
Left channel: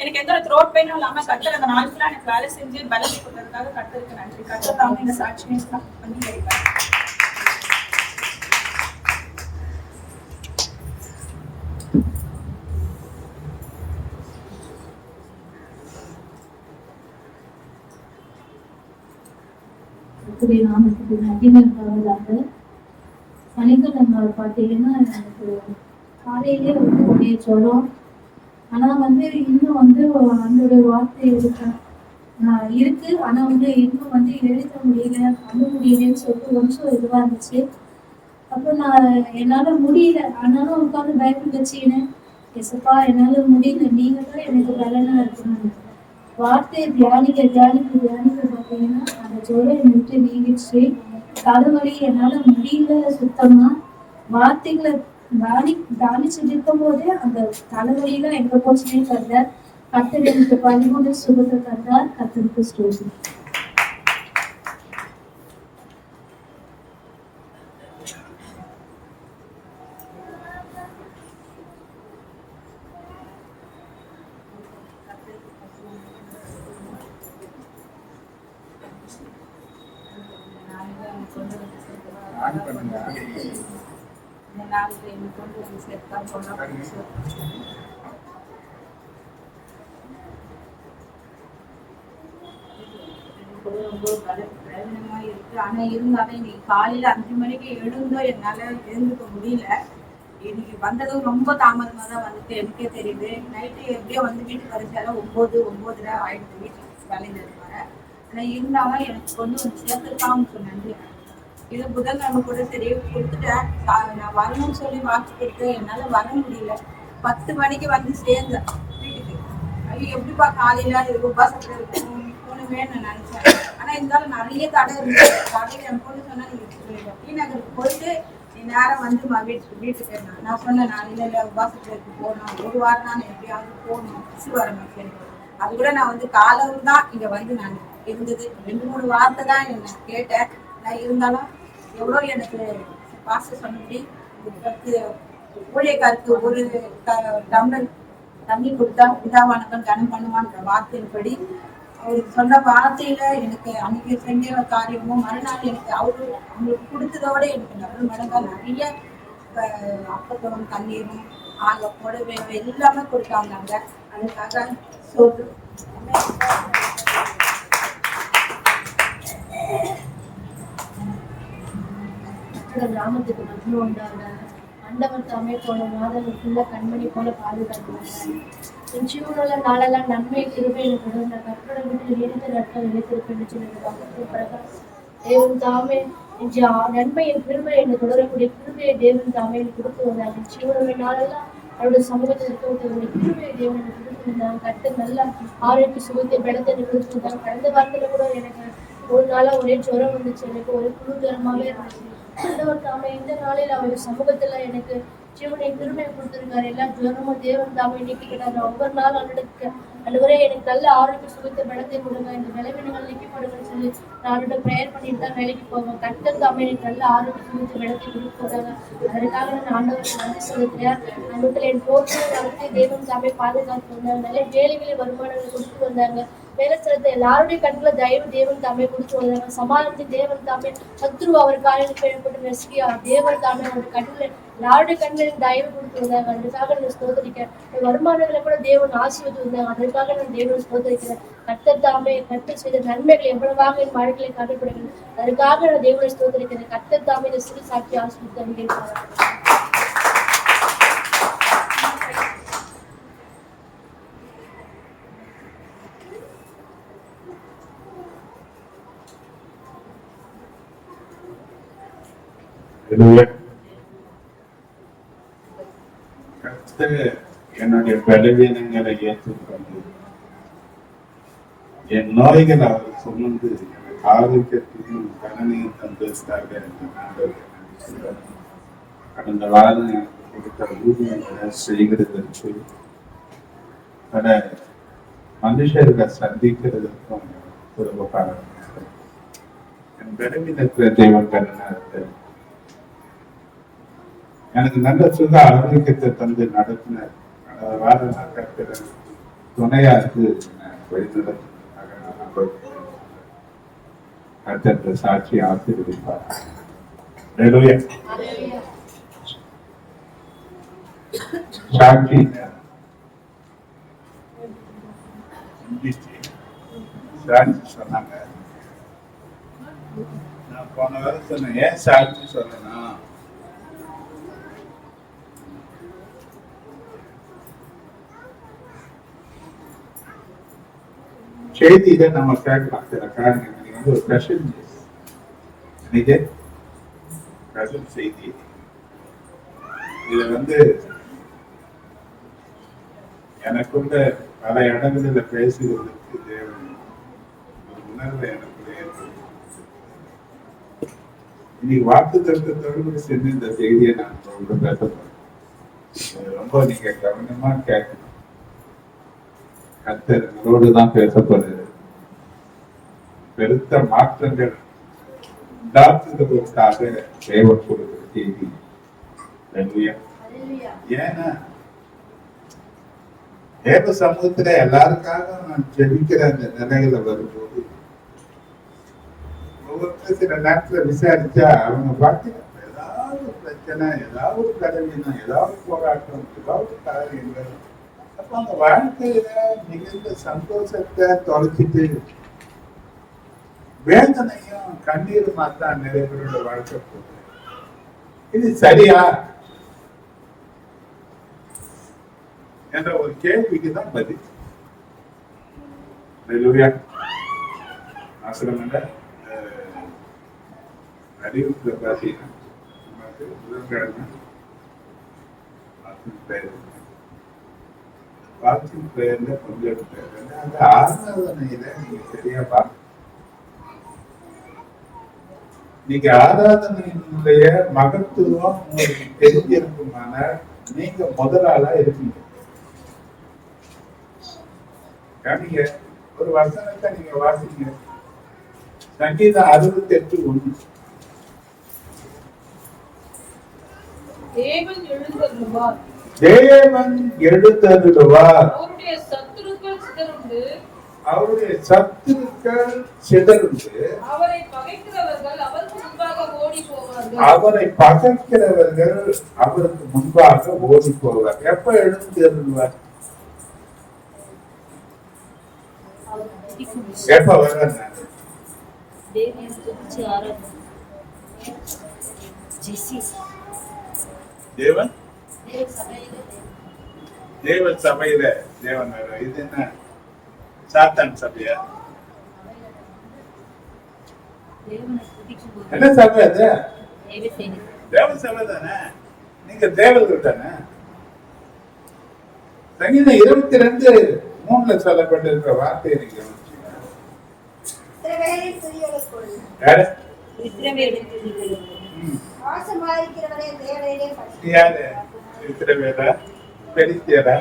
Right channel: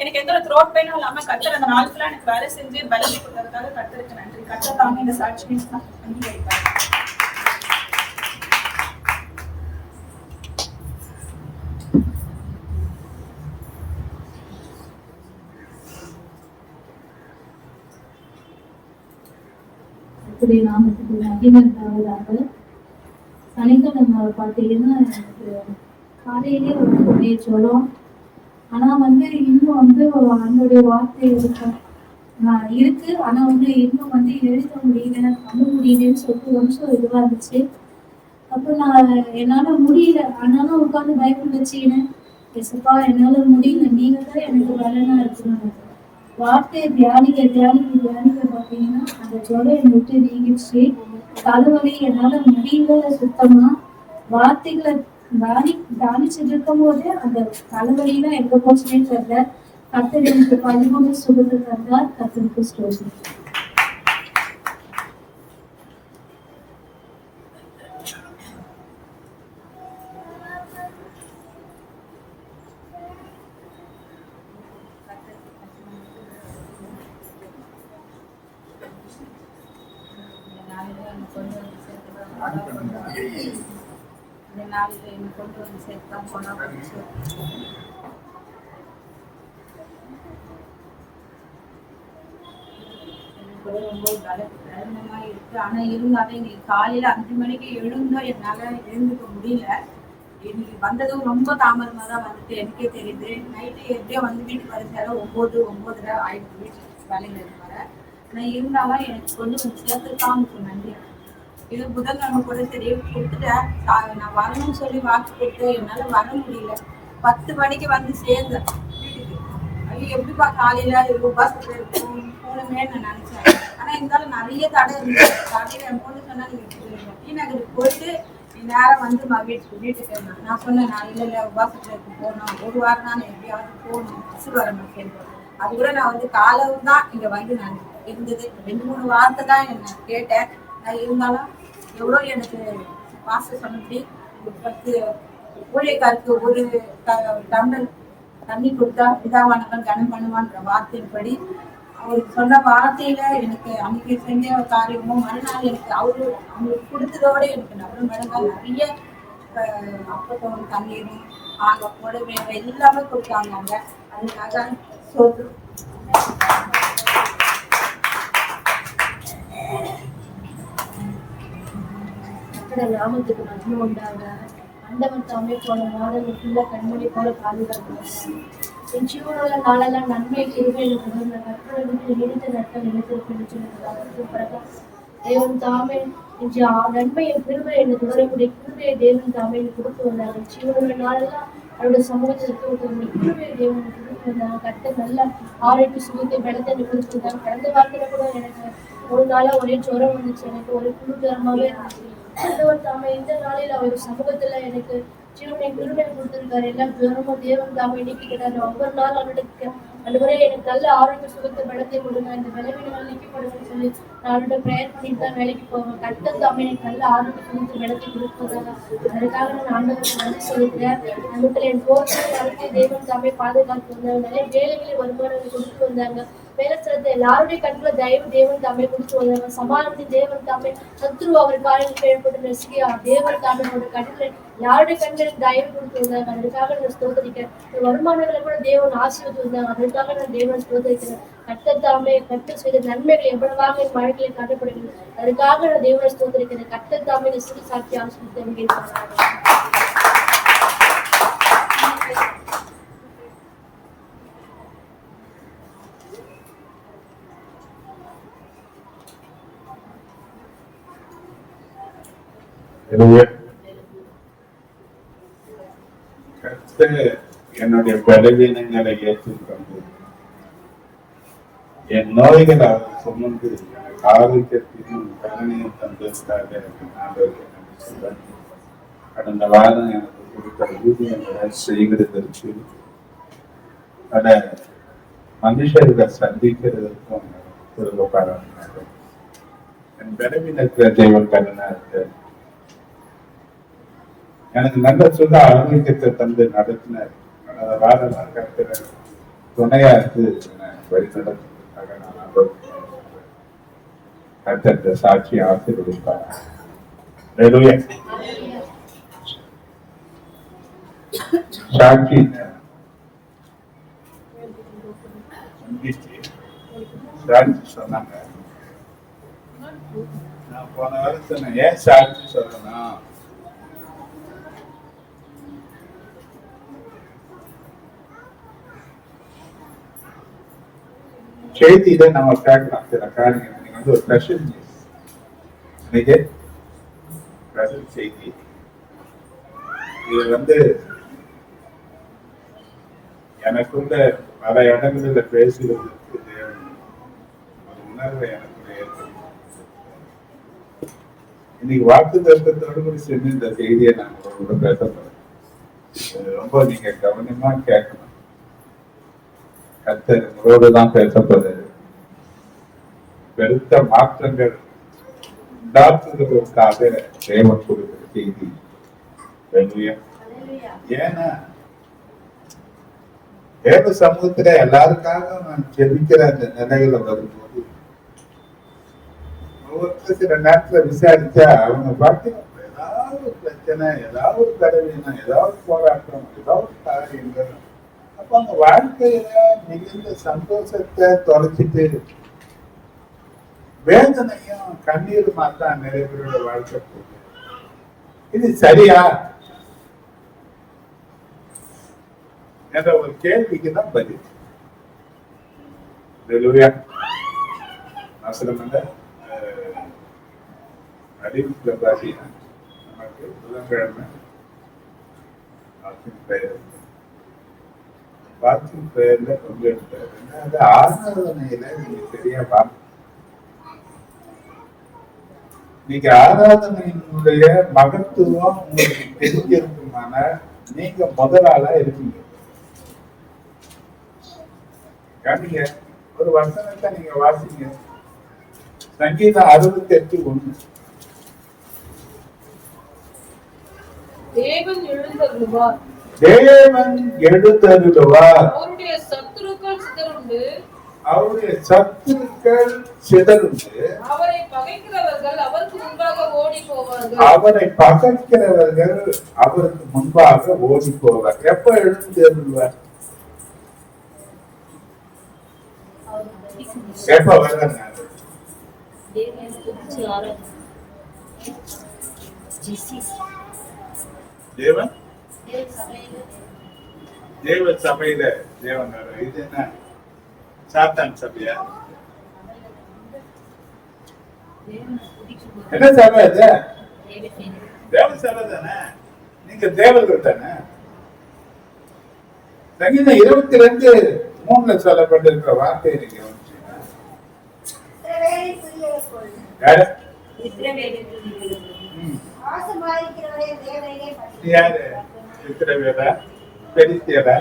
எனக்கு எந்த ஒரு த்ரோட் பெயினும் இல்லாம கர்த்தர் அந்த நாள் ஃபுல்லா எனக்கு வேலை செஞ்சு பலத்தை கொடுத்ததுக்காக கர்த்தருக்கு நன்றி. கர்த்தர் தாங்க இந்த சாட்சியை அங்கீகரிப்பார். கர்த்தருடைய நாமத்துக்கு மகிமை உண்டாவதாக. சனிக்கிழமை பார்த்தீங்கன்னா எனக்கு காலையிலே ஒரு கொடிய ஜுரம். ஆனா வந்து இன்னும் வந்து அதனுடைய வார்த்தை இருக்கு. ஆனா வந்து இன்னும் வந்து எழுத முடியல, பண்ண முடியலன்னு சொல்லிட்டு கொஞ்சம் இதுவா இருந்துச்சு. அப்போ நான் என்னால முடியல, ஆனாலும் உட்காந்து பைபிள் வச்சுக்கினேன். எசப்பா என்னால முடியல, நீங்க தான் எனக்கு பலனா இருக்கணும்னு வார்த்தையை தியானிக்க பார்த்தீங்கன்னா அந்த ஜுரம் என்னை விட்டு நீங்கிடுச்சு. தலைவலி என்னால முடியல சுத்தமா. வார்த்தைகளை தானிச்சுட்டு இருக்கும் போதே அந்த தலைவலியெல்லாம் எங்க போச்சுன்னே தெரியல. கர்த்தர் எனக்கு 13 சுகத்தை தந்தார். கர்த்தருக்கு ஸ்தோத்திரம். இந்த நாளில் என்னை கொண்டு வந்து சேர்த்தா போனால் கூட ரொம்ப பிரயோஜனமா இருக்கு. ஆனா இருந்தாலும் இன்னைக்கு காலையில 5 மணிக்கு எழுந்தோம், என்னால எழுந்துக்க முடியல. இன்னைக்கு வந்ததும் ரொம்ப தாமதமா தான் வந்துட்டு எனக்கே தெரியுது. நைட்டு எப்படியோ வந்து வீட்டுக்கு வர சேர 9-9:30 ஆயிடுது வீட்டுக்கு வேலையில இருந்து வர. ஆனா இருந்தாலும் எனக்கு கொண்டு வந்து சேர்த்துருக்காங்க நன்றி. இது புதன்கிழமை கூட சரி கொடுத்துட்டேன். நான் வரணும்னு சொல்லி வாக்கு கொடுத்து என்னால வர முடியல. 10 மணிக்கு வந்து சேர்ந்தேன் வீட்டுக்கு. ஐயோ எப்படிப்பா காலையில உபாசத்துல இருக்கும் போகணுமே நான் நினைச்சேன். ஆனா இருந்தாலும் நிறைய தடை இருந்துச்சு. காலையில என் பொண்ணு சொன்னா நீங்க டி நகருக்கு போயிட்டு நீ நேரம் வந்துமா வீட்டுக்கு நான் சொன்னேன் நான் இல்ல உபாசத்துல இருக்கு போகணும், ஒரு வாரம் தான் எப்படியாவது போகணும், பஸ் வர மாட்டேன். அது கூட நான் வந்து காலம் தான் இங்க வந்து நான் இருந்தது. 2-3 வார்த்தை தான் என்ன கேட்டேன். நான் இருந்தாலும் எவ்வளோ எனக்கு பாஸ்டர் சொன்னபடி ஊழியக்காருக்கு ஒரு டம்ளர் தண்ணி கொடுத்தா பிதாவானவன் கனம் பண்ணுவான்ற வார்த்தையின்படி அவருக்கு சொன்ன வார்த்தையில எனக்கு அன்னைக்கு செஞ்ச காரியமும் மறுநாள் எனக்கு அவங்களுக்கு கொடுத்ததோட எனக்கு டபுள் மடங்கா நிறைய அப்பத்தவும் தண்ணீரும் ஆக புடவை எல்லாமே கொடுத்தாங்க அங்க. அதுக்காக சோறு நாமத்துக்கு மகிமை உண்டாக. ஆண்டவர் தாமே போன மாதங்களுக்குள்ள கண்மணி போல பாதுகாக்கிறாங்க. என் ஜீவனுள்ள நாளெல்லாம் நன்மை கிருபை எனக்கு தொடர்ந்த கற்பனை வீட்டில் நீடித்த நாட்கள் நிலைத்திருப்பேன் என்று சொல்லுகிறாங்க. பிறகு தேவன் தாமே நன்மை என் கிருபை என்று தொடரக்கூடிய கிருபையை தேவன் தாமே எனக்கு கொடுத்து வந்தாங்க. என் ஜீவனுள்ள நாளெல்லாம் அவருடைய சமூகத்தில் இருக்கக்கூடிய கிருபையை தேவன் எனக்கு கொடுத்து வந்தாங்க. கர்த்தர் நல்ல ஆரோக்கிய சுகத்தை பலத்தை எனக்கு கொடுத்து வந்தாங்க. கடந்த வாரத்துல கூட எனக்கு ஒரு நாளா ஒரே ஜுரம் வந்துச்சு, எனக்கு ஒரே குழு ஜுரமாவே இருந்துச்சு. ஆண்டவர் தாமே இந்த நாளில் அவர் சமூகத்துல எனக்கு ஜீவனை கிருபை கொடுத்திருக்காரு. எல்லா ஜுரமும் தேவன் தாமே நீக்கிக்கிட்டாரு. ஒவ்வொரு நாள் அன்றுவரே எனக்கு நல்ல ஆரோக்கிய சுகத்தை பலத்தை கொடுங்க, இந்த விளைவினங்கள் நீக்கப்படுங்கன்னு சொல்லி நான் ப்ரேயர் பண்ணிட்டு தான் வேலைக்கு போவேன். கர்த்தர் தாமே எனக்கு நல்ல ஆரோக்கிய சுகத்தை பலத்தை கொடுத்ததாங்க. அதற்காக நான் ஆண்டவருக்கு நன்றி சொல்லிக்கிறேன். அது மட்டும் என் போக்கு நடத்தி தேவன் தாமே பாதுகாத்து வந்தாங்க. நல்ல வேலைகளை வருமானங்களை கொடுத்து வந்தாங்க. வேலை செலுத்த எல்லாருடைய கண்களை தயவு தேவன் தாமே கொடுத்து வந்தாங்க. சமாளித்து தேவன் தாமே சத்ரு அவர் காலையில் கேள்விப்பட்டு நெருங்கியா தேவன் தாமே அவருடைய கண்களை எல்லாருடைய கண்களின் தயவு கொடுத்து வந்தாங்க. அதற்காக நான் ஸ்தோத்தரிக்கிறேன். வருமானங்களை கூட தேவன் ஆசீர்வதித்து வந்தாங்க. அதற்காக நான் தேவன் ஸ்தோத்தரிக்கிறேன். கர்த்தர் தாமே கர்த்தர் செய்த நன்மைகள் எவ்வளவாக என் வாழ்க்கையில காணப்படுகிறது. அதற்காக நான் தேவனை ஸ்தோத்தரிக்கிறேன். கர்த்தர் தாமே இந்த சிறு சாட்சி ஆசீர்வதித்து அங்கீகரிக்கிறார். கர்த்தர் என்னுடைய பலவீனங்களை ஏற்றுக்கொண்டு என் நோய்களை அவர் சுமந்து எனக்கு ஆரோக்கியத்தையும் கருணையும் தந்ததுக்காக கடந்த வாரம் எனக்கு கொடுத்த ஊதியங்களை செய்கிறதற்கு பல மனுஷர்களை சந்திக்கிறதற்கும் திரும்ப பாராட்டினார்கள். என் பலவீனத்தை தெய்வம் கருணா இருக்க எனக்கு நல்ல சுக ஆரோக்கியத்தை தந்து நடத்தினார். கடந்த வாரம் நான் கற்கிற துணையா இருந்து வழி நடத்துறதுக்காக நான் கர்த்தத்தை சாட்சி ஆசீர்வதிப்பார். சாட்சி சாட்சி சொன்னாங்க. நான் போன வாரம் சொன்னேன், ஏன் சாட்சி சொல்லணும்? செய்தியில நம்ம கேட்கலாம் சில காரியங்கள். நீங்க வந்து ஒரு ஸ்பெஷல் நியூஸ், இன்னைக்கு ஸ்பெஷல் செய்தி. இது வந்து எனக்குள்ள பல இடங்களில் பேசுவதற்கு தேவன் ஒரு உணர்வை எனக்குள்ள ஏற்படுத்தும். இன்னைக்கு வாக்கு தத்துவத்தோடு கூட சேர்ந்து இந்த செய்தியை நான் உங்களோட பேச போறேன். ரொம்ப நீங்க கவனமா கேட்கணும். கர்த்தர் உங்களோடு தான் பேசப்படுறது. பெருத்த மாற்றங்கள் உண்டாக்குவதற்காக தேவன் கொடுக்கிற செய்தி. ஏன்னா தேவ சமூகத்துல எல்லாருக்காக நான் ஜெபிக்கிற அந்த நிலையில வரும்போது ஒவ்வொருத்தர் சில நேரத்துல விசாரிச்சா அவங்க பார்த்தீங்கன்னா ஏதாவது பிரச்சனை, ஏதாவது ஒரு கடவுளினம், ஏதாவது போராட்டம், ஏதாவது காரியங்கள். அப்ப அவங்க வாழ்க்கையில மிகுந்த சந்தோஷத்தை தொலைச்சிட்டு வேதனையும் கண்ணீருமா தான் நிறைய பேரோட வாழ்க்கை போகுது. இது சரியா என்ற ஒரு கேள்விக்கு தான் பதில். அறிவிப்புல பாத்தீங்கன்னா நமக்கு புதன்கிழமை பெயர் பாஸ்டிங் பிரேயர்ல பங்கெடுத்தாரு. அந்த ஆராதனையில நீங்க சரியா பார்க்கணும். நீங்க ஆராதனையினுடைய மகத்துவம் உங்களுக்கு தெரிஞ்சிருக்குமானால் நீங்க முதலாளா இருப்பீங்க. கவனிங்க, ஒரு வசனத்தை நீங்க வாசிங்க. சங்கீதம் 68:1. தேவன் எழுந்தருளுவார், தேவன் எழுந்தருளுவார், அவருடைய சத்துருக்கள் சிதறுண்டு, அவருடைய சத்துருக்கள் சிதறுண்டு, அவரை பகைக்கிறவர்கள் அவருக்கு முன்பாக ஓடி போவார்கள். அவரை பகைக்கிறவர்கள் அவருக்கு முன்பாக ஓடி போவார். எப்ப எழுந்தருளுவார்? எப்ப வர்றாரு? தேவன் தேவ சபையில தேவன் வர்றார். இது என்ன சாத்தான் சபையா? என்ன சபை அது? தேவ சபை தானே. நீங்க தேவர்கள் தானே. சங்கீதம் 22:3 சொல்லப்பட்டிருக்கிற வார்த்தையை நீங்க கவனிச்சீங்கன்னா, இஸ்ரவேலை துதியவர் போல் யாரு? இஸ்ரவேலின் துதிக்கிறவர். ஆசீர்வதிக்கிறவரே தேவனே பற்றி. நீ யாரு? இஸ்ரவேலா, பெலிஸ்தியரா,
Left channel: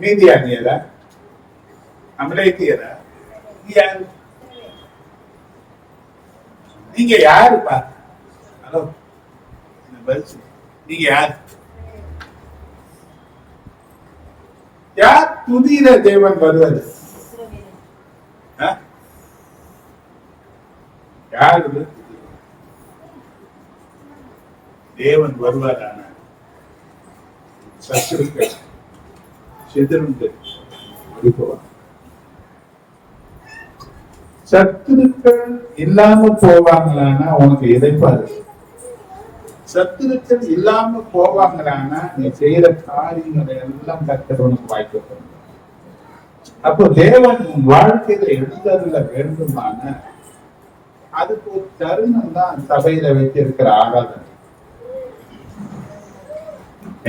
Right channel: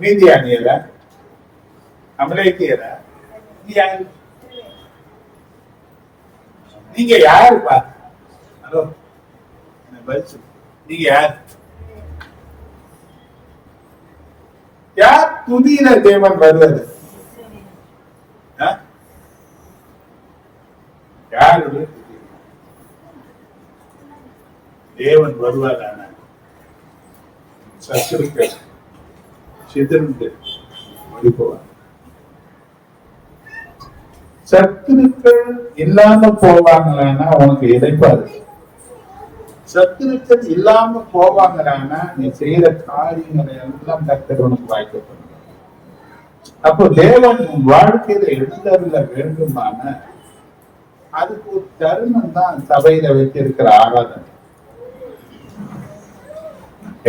மீதியானியரா, அமலேக்கியரா? நீ யாரு? நீங்க யாருப்பா? ஹலோ, பதில் சொல்லு. நீங்க யார்? யார் துதியில தேவன் வருவது? யாருடைய துதி? தேவன் வருவாரான சத்துருக்கள் சிதறுண்டு ஓடிப்போவார். சத்துருக்கள் இல்லாம போவாங்களானா உனக்கு இறைப்பாரு. சத்துருக்கள் இல்லாம போவாங்களானா நீ செய்யற காரியங்களை எல்லாம் கர்த்தர் உனக்கு வாய்க்கப்படும். அப்போ தேவன் உன் வாழ்க்கையில எழுந்தருள வேண்டுமான அதுக்கு ஒரு தருணம் தான் சபையில வைத்திருக்கிற ஆராதனை.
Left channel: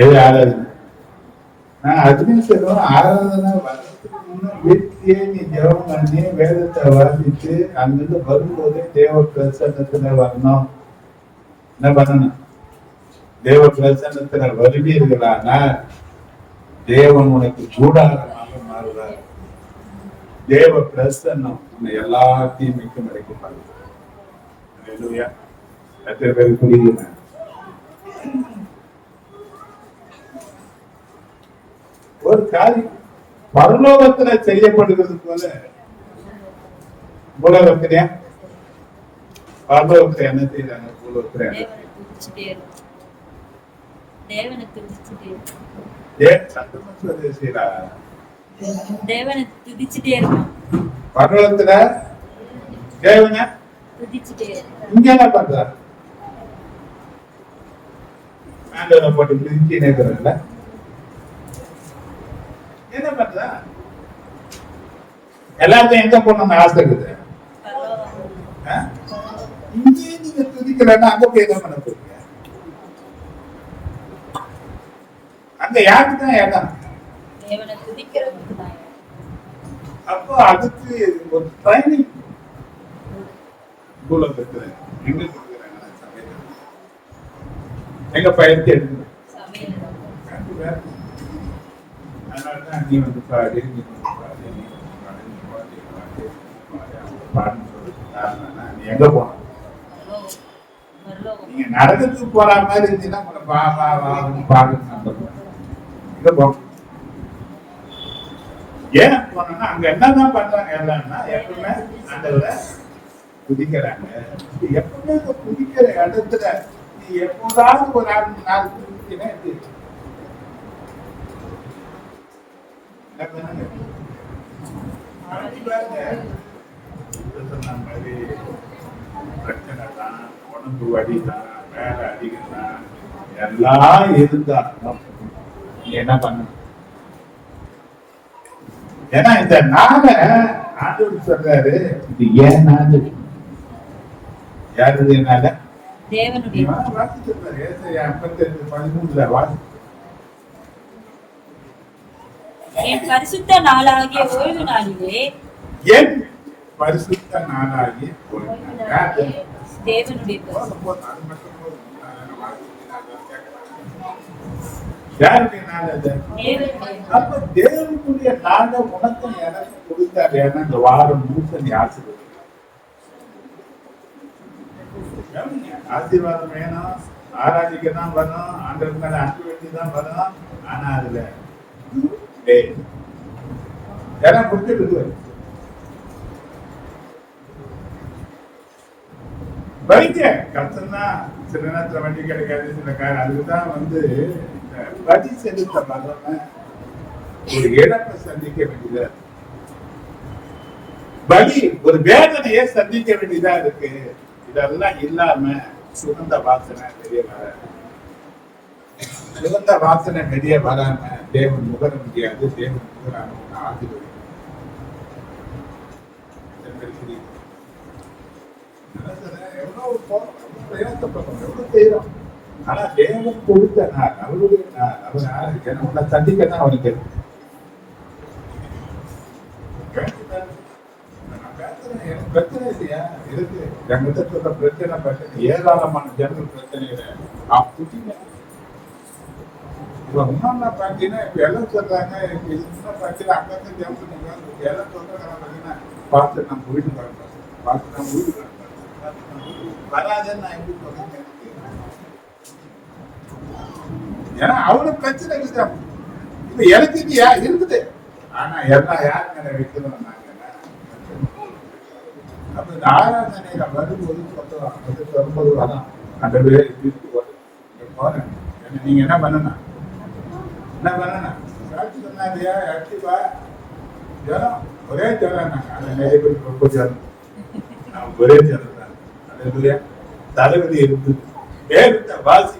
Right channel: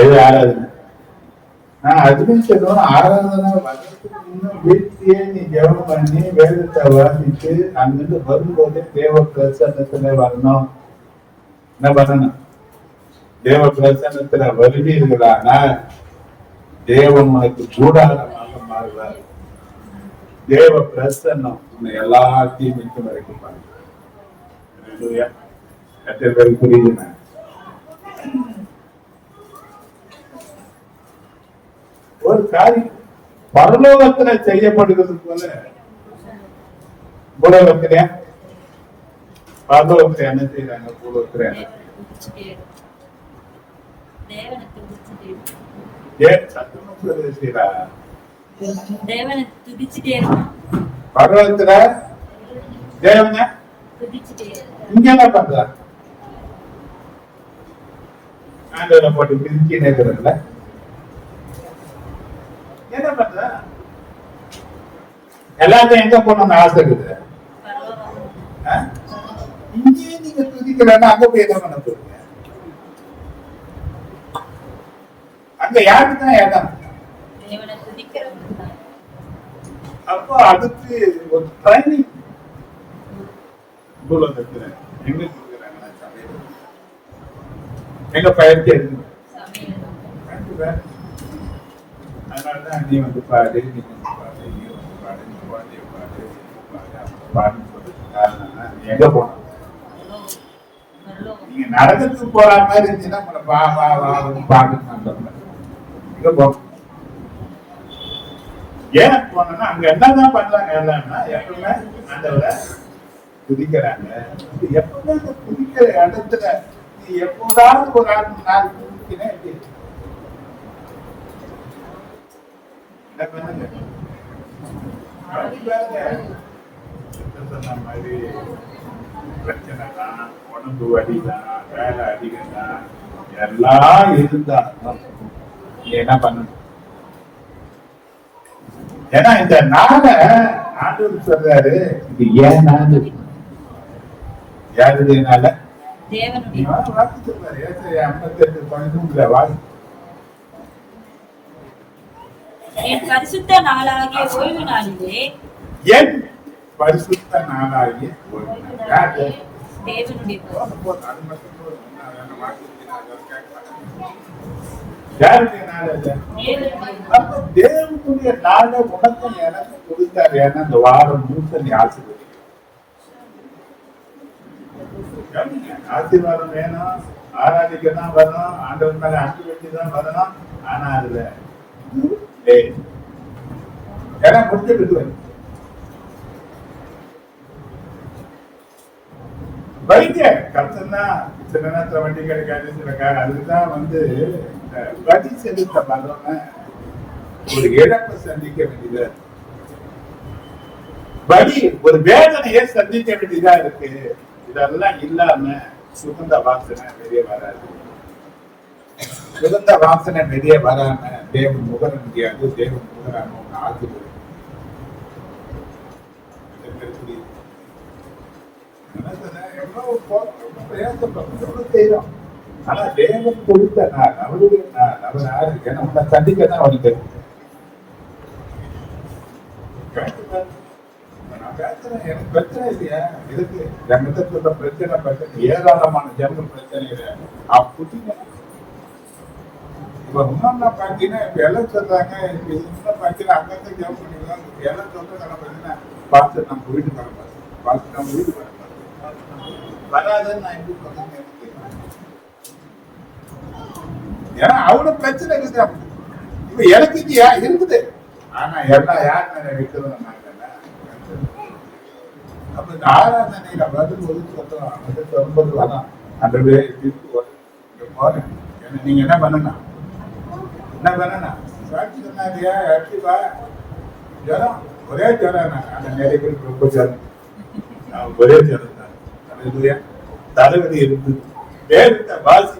எது ஆராதனை? அதுவும் சொல்லுவோம், ஆராதனை வர்றதுக்கு முன்ன வீட்டிலேயே நீ ஜெபம் பண்ணி வேதத்தை வாசித்து அங்கிருந்து வரும்போதே தேவ பிரசன்னத்துல வரணும். என்ன பண்ணணும்? தேவ பிரசன்னத்துல வருவீர்களானா தேவன் உனக்கு கூடாரமாக மாறுவார். தேவ பிரசன்னம் உன்னை எல்லாத்தையும் மிக்க வரைக்கும் பாருங்க. எத்தனை பேருக்கு புரியுதுண்ணா? ஒரு காரியம் பரலோகத்துல செய்யப்படுகிறது போல பூலோகத்திலே பரலோகத்துல என்ன செய்யறாங்க, பூலோகத்துல என்ன செய்யறாங்க? பரலோகத்துல தேவன இங்க என்ன பண்றாரு? ஆண்டவரை போட்டு பிரிச்சு நேர்கிறல்ல, என்ன பண்ற? எல்லாத்தையும் எங்க போகணும்னு ஆசை இருக்குது. இங்கேயே நீங்க துதிக்கலன்னா அங்க போய் என்ன பண்ண போறீங்க? அங்க யாருக்கு தான் இடம்? அப்போ அதுக்கு ஒரு ட்ரைனிங் பூலோகத்துல எங்க கொடுக்குறாங்க? சபையில எங்க பயிற்சி எடுக்கணும். அதனாலதான் நீ வந்து பாடு, நீ வந்து பாடு, நீ வந்து பாடு, நீ குழந்தைய பாடு, பாடு, அவங்க பாடுன்னு சொல்லிட்டு நீ எங்க போன? நீங்க நரகத்துக்கு போற மாதிரி இருந்துச்சுன்னா உங்களை வா வா வான்னு பாடுன்னு நான் சொல்றேன். எங்க போன? ஏன் போனா அங்க என்னதான் பண்றாங்க? எல்லாம்னா எப்பவுமே ஆண்டவரை துதிக்கிறாங்க. எப்பவுமே இந்த துதிக்கிற இடத்துல நீ எப்போதாவது ஒரு நாள் துதிக்கினே என்ன பண்ணுங்க? சொன்ன மாதிரி பிரச்சனை தான், உடம்பு வலிதான், வேலை அதிகம் தான், எல்லாம் இருந்தாலும் நீ என்ன பண்ணணும்? ஏன்னா இந்த நாளை ஆண்டவர் சொல்றாரு, இது ஏன் நாள்? யாருனால? வாசிச்சு பாரு. 58:13 வாசி. என் பரிசுத்த நாளாகிய ஓய்வு நாளிலே என் பரிசுத்த நாளாகிய ஓய்வு நாள். யார் அது? தேவனுடைய போதும், அது மட்டும் போதும். இன்னும் அதெல்லாம் வாழ்க்கைக்கு நான் அதெல்லாம் கேட்க மாட்டேன். யாருடைய நாள் அது? தேவனுடைய அப்ப தேவனுடைய நாளை உனக்கு எனக்கு கொடுத்தாரு. ஏன்னா இந்த வாரம் முழுக்க நீ ஆசீர்வதிக்கலாம். ஆசீர்வாதம் வேணும், ஆராதிக்க தான் வரும், ஆண்டவர் மேல அன்பு வேண்டி தான் வரும். ஆனா அதுல ஏன்னா முடிஞ்சு விடுவாரு. வைக்க கஷ்டம்னா சில நேரத்துல வண்டி கிடைக்காது, சில அதுக்குதான் வந்து இந்த வழி செலுத்த வர்றவன் ஒரு இழப்பை சந்திக்க வேண்டியதா இருக்கு. வலி ஒரு வேதனையை சந்திக்க வேண்டியதா இருக்கு. இதெல்லாம் இல்லாம சுகந்த வாசனை வெளியே வராது. சுகந்த வாசனை வெளியே வராம தேவன் முகர முடியாது. தேவன் முகரான ஒண்ணு ஆசீர்வதிக்கும். எவ்வளவு போறோம், எவ்வளவு பிரயாசப்படுறோம், எவ்வளவு செய்யறோம். ஆனா தேவன் கொடுத்த நாள் அவருடைய நாள். அவர் யாரு? ஏன்னா உன்னை சந்திக்க தான் அவனுக்கு எனக்கு பிரச்சனை இல்லையா இருக்கு. என்கிட்ட சொல்ற பிரச்சனை ஏராளமான ஜனங்கள் பிரச்சனைகளை புட்டிங்க. இப்ப இன்னொன்னு பாத்தீங்கன்னா இப்ப எல்லாம் சொல்றாங்க, இப்ப இன்னும் பாத்தீங்கன்னா அங்கங்க ஜெபம் பண்ணிக்கலாம். இப்ப எல்லாம் சொல்றதெல்லாம் பாத்தீங்கன்னா பார்த்து நம்ம வீட்டுக்கு வர பார்த்து நம்ம வீட்டுக்கு வர வராதுன்னு நான் எப்படி சொல்றேன். ஏன்னா அவ்வளவு பிரச்சனை இருக்குது. இப்ப எனக்கு இது இருக்குது. ஆனா எல்லாம் யார் மேல வைக்கிறோம் நாங்க. அப்ப இந்த ஆராதனையில வரும்போது சொல்றோம் 9 வரும் அந்த இங்க போறேன். நீங்க என்ன பண்ணணும் சாட்சி சொன்னாரியா வா ஜரம் ஒரே ஜரம். அந்த நிறைய பேருக்கு ரொம்ப ஜரம், ஒரே ஜரம் தான். தலைவலி இருந்தது, வேறு வாசி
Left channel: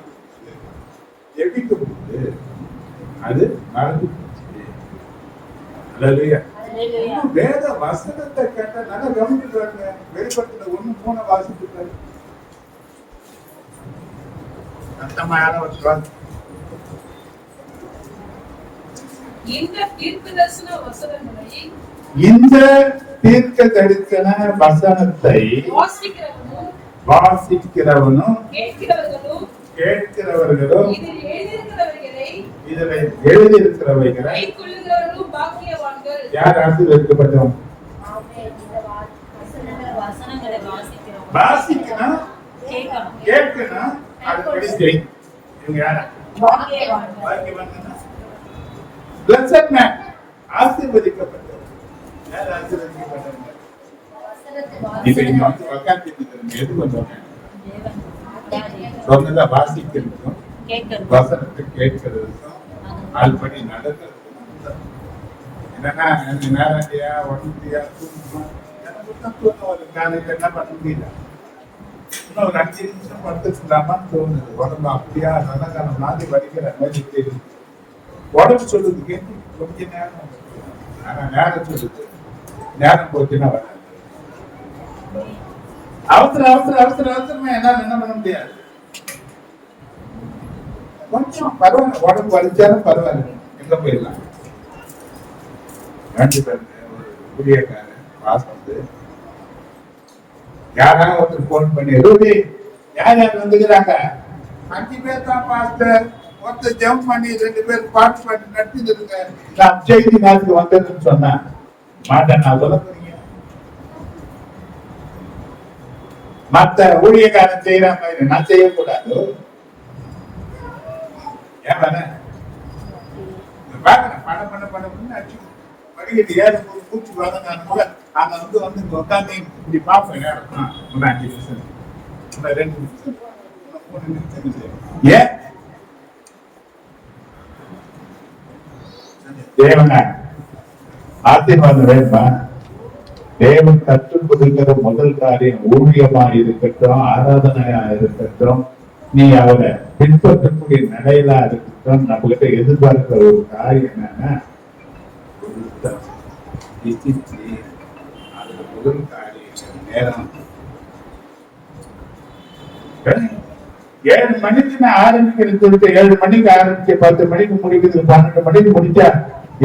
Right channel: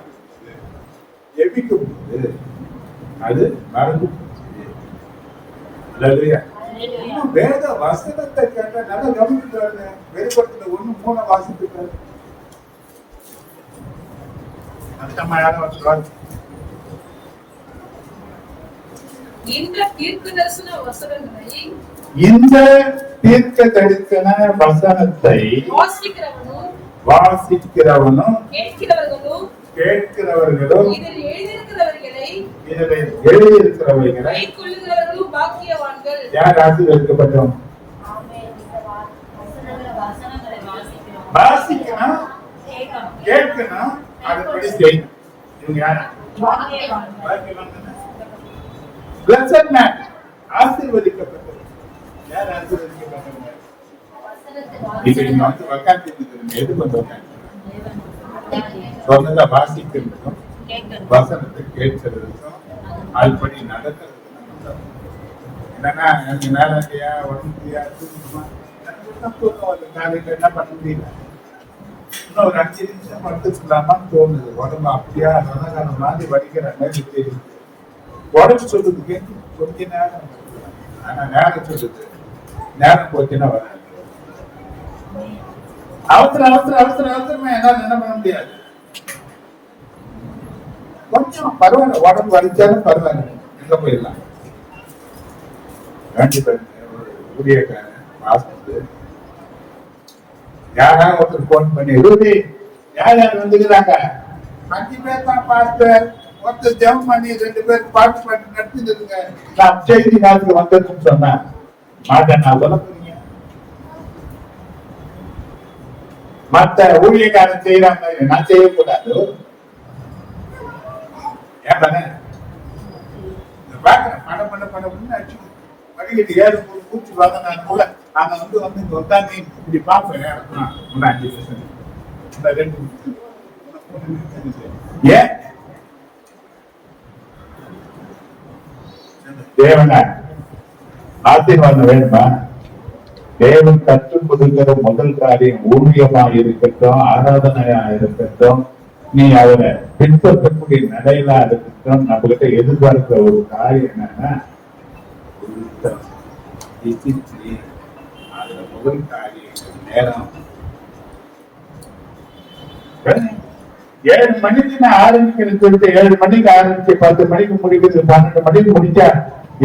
ஜெபிக்கும் போது அது நடந்து போச்சு. அல்லேலூயா. வேத வசனத்தை கேட்ட நல்லா கவனித்து பாருங்க. வெளிப்படத்துல 1:3 வாசித்து பாருங்க. அந்தமான இந்த தீர்க்க தரிசன வசனங்களை வாசிக்கிறவனும் கேட்கிறவர்களும் இதில் எழுதியிருக்கிறவைகளை யார் ஆசீர்வதிக்கப்பட்டோம்? வாசிக்கணும், கேட்கணும், அதுபடி செய்யணும். இவங்க யாரா? Blessed man, ஆசீர்வதிக்கப்பட்டவர். யார் ஆசீர்வதிக்கப்பட்டவர்? இப்ப நீங்க வந்து உட்கார்ந்து எது வந்து உட்காந்து சொன்னதை வாசிக்கிறதுக்கும் வசனத்தை கேட்கிறதுக்கும் அதுபடி நடக்கிறது. என்னன்னா எனக்கு நேரடியா உடம்புயா தூக்கமா காலையில என்ன பண்ண முடியல. இன்னும் ஒரு 5 நிமிஷம் படுத்துக்கலாமான்னு தோணுது. உடம்பு அப்படியா நல்ல மாதிரி வடிக்கிற மாதிரி தெரியுது. உடம்பு சொல்லுது கேட்டு கொஞ்ச நேரம், ஆனா நேரம் சொல்லுது நேரம் போச்சுன்னா வராது. அவசரமா என்னால என்ன பண்ண முடியாது. கொஞ்சம் பரவாயில்ல, உடம்பு வலிச்சாலும் பரவாயில்ல, எங்க போயிடலாம். ஊழியக்காரன் வாசத்து யாராவது ஒருத்தர் போன் பண்ணி யார் வந்துக்கிறாங்க? 5 பேர் தான் பாஸ்டர். ஒருத்தர் ஜெபம் பண்ணி 2 பேர் பாட்டு பாட்டு நடத்திருங்க. நான் செய்தி நாளுக்கு வந்ததுன்னு சொன்னேன். மாட்டேன் நான் சொல்ல போறீங்க. மத்த ஊழியக்காரன் செய்யறாங்க, நான் செய்யக்கூடாது. ஏன் பண்ண அடிச்சு வடிகட்டி ஏறும் போது பூச்சி வாங்க. நான் கூட அங்க வந்து இங்க உட்காந்து இப்படி பார்ப்பேன். 5 நிமிஷம் 2 நிமிஷம் ஏன் தேவன ஆசீர்வாதம் வேணுமா? தேவன் கற்றுக் கொடுக்கிற முதல் காரியம் ஊழியமா இருக்கட்டும், ஆராதனையா இருக்கட்டும், நீ அவரை பின்பற்றக்கூடிய நிலையிலா இருக்கட்டும், நம்ம கிட்ட எதிர்பார்க்கிற ஒரு காரியம் என்னன்னா அதுல முதல் காரியம் நேரம். 7 மணிக்கு நான் ஆரம்பிக்கிறது சொல்லிட்டு 7 மணிக்கு ஆரம்பிச்சு 10 மணிக்கு முடிக்கிறது, 12 மணிக்கு முடிச்சா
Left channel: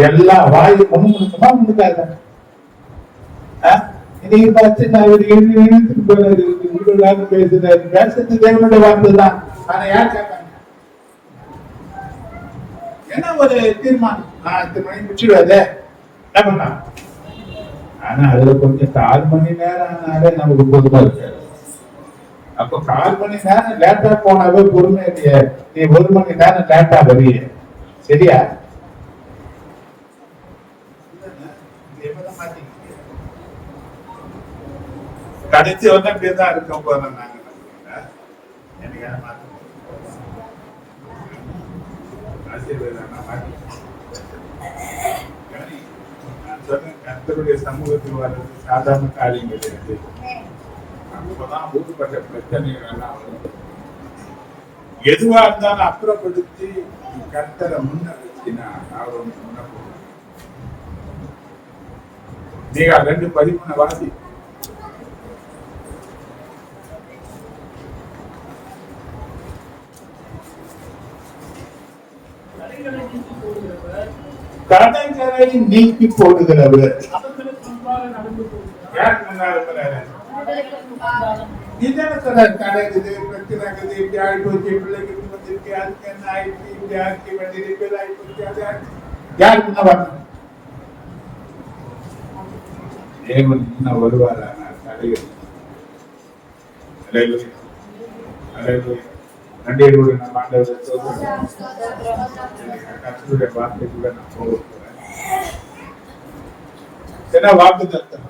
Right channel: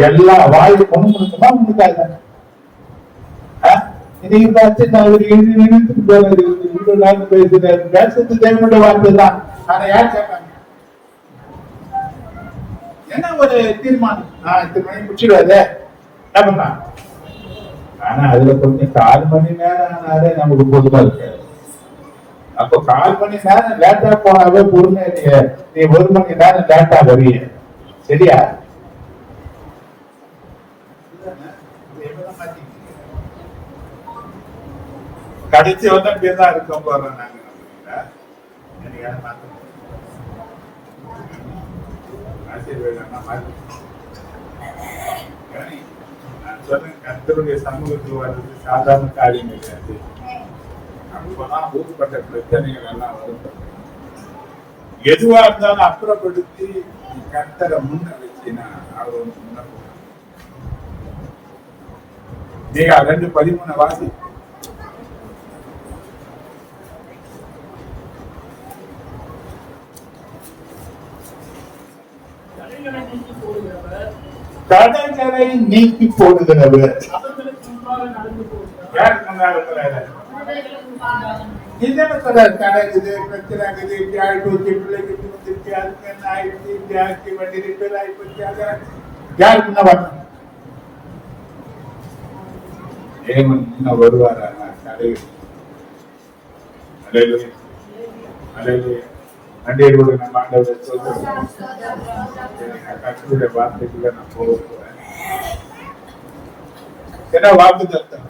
எல்லா வாயு முன்னுக்குமா முன்னுக்காக இன்னைக்கு பார்த்து நான் ஒரு பேசுறேன் பேசுறது தேவனுடைய வார்த்தை தான். ஆனா யார் கேட்பாங்க? என்ன ஒரு தீர்மானம், நான் 8 மணி முடிச்சிடுவாதே என்ன பண்ணலாம். ஆனா அதுல கொஞ்சம் 4 மணி நேரம் ஆனாலே நமக்கு பொதுவா இருக்காது. அப்ப 4 மணி நேரம் லேட்டா போனாவே பொறுமை இல்லையே, நீ 1 மணி நேரம் லேட்டா வருவீ, சரியா? கடைசி வந்து அப்படியேதான் இருக்கோம் போறோம் நாங்க. எனக்கு மாத்த ஆசீர்வாதம் மாத்தி நான் சொல்றேன், கர்த்தருடைய சமூகத்தில் வர்றது சாதாரண காரியம் கிடையாது. அப்பதான் ஊர்பட்ட பிரச்சனைகள் எல்லாம் வரும். எதுவா இருந்தாலும் அப்புறப்படுத்தி கர்த்தரை முன்ன வச்சுனா அவர் ஒன்று முன்ன போவார். நீங்க 2:13 வாசி. தடைகளை நீக்கி போடுகிறவர் யார் முன்னாடி இருக்கிறார்? நீதானே சொல்றாரு, தடை இருக்குது, பிரச்சனை இருக்குது, இப்படி ஆயிப்போச்சு, பிள்ளைக்கு இப்படி வந்துருக்கு, அதுக்கு என்ன ஆயிடுச்சு, இப்படி ஆக்கி வண்டி ரிப்பேர் ஆயிப்போச்சு, அது யார் முன்ன வரணும்? தேவன் இன்னும் வருவாரா? தடைகள் அலையிலே அலையிலே நன்றியோடு நம்ம ஆண்டவரை சொல்றோம். கர்த்தருடைய வார்த்தைக்குள்ள நான் போக போறேன். என்ன வாக்கு தத்தம்?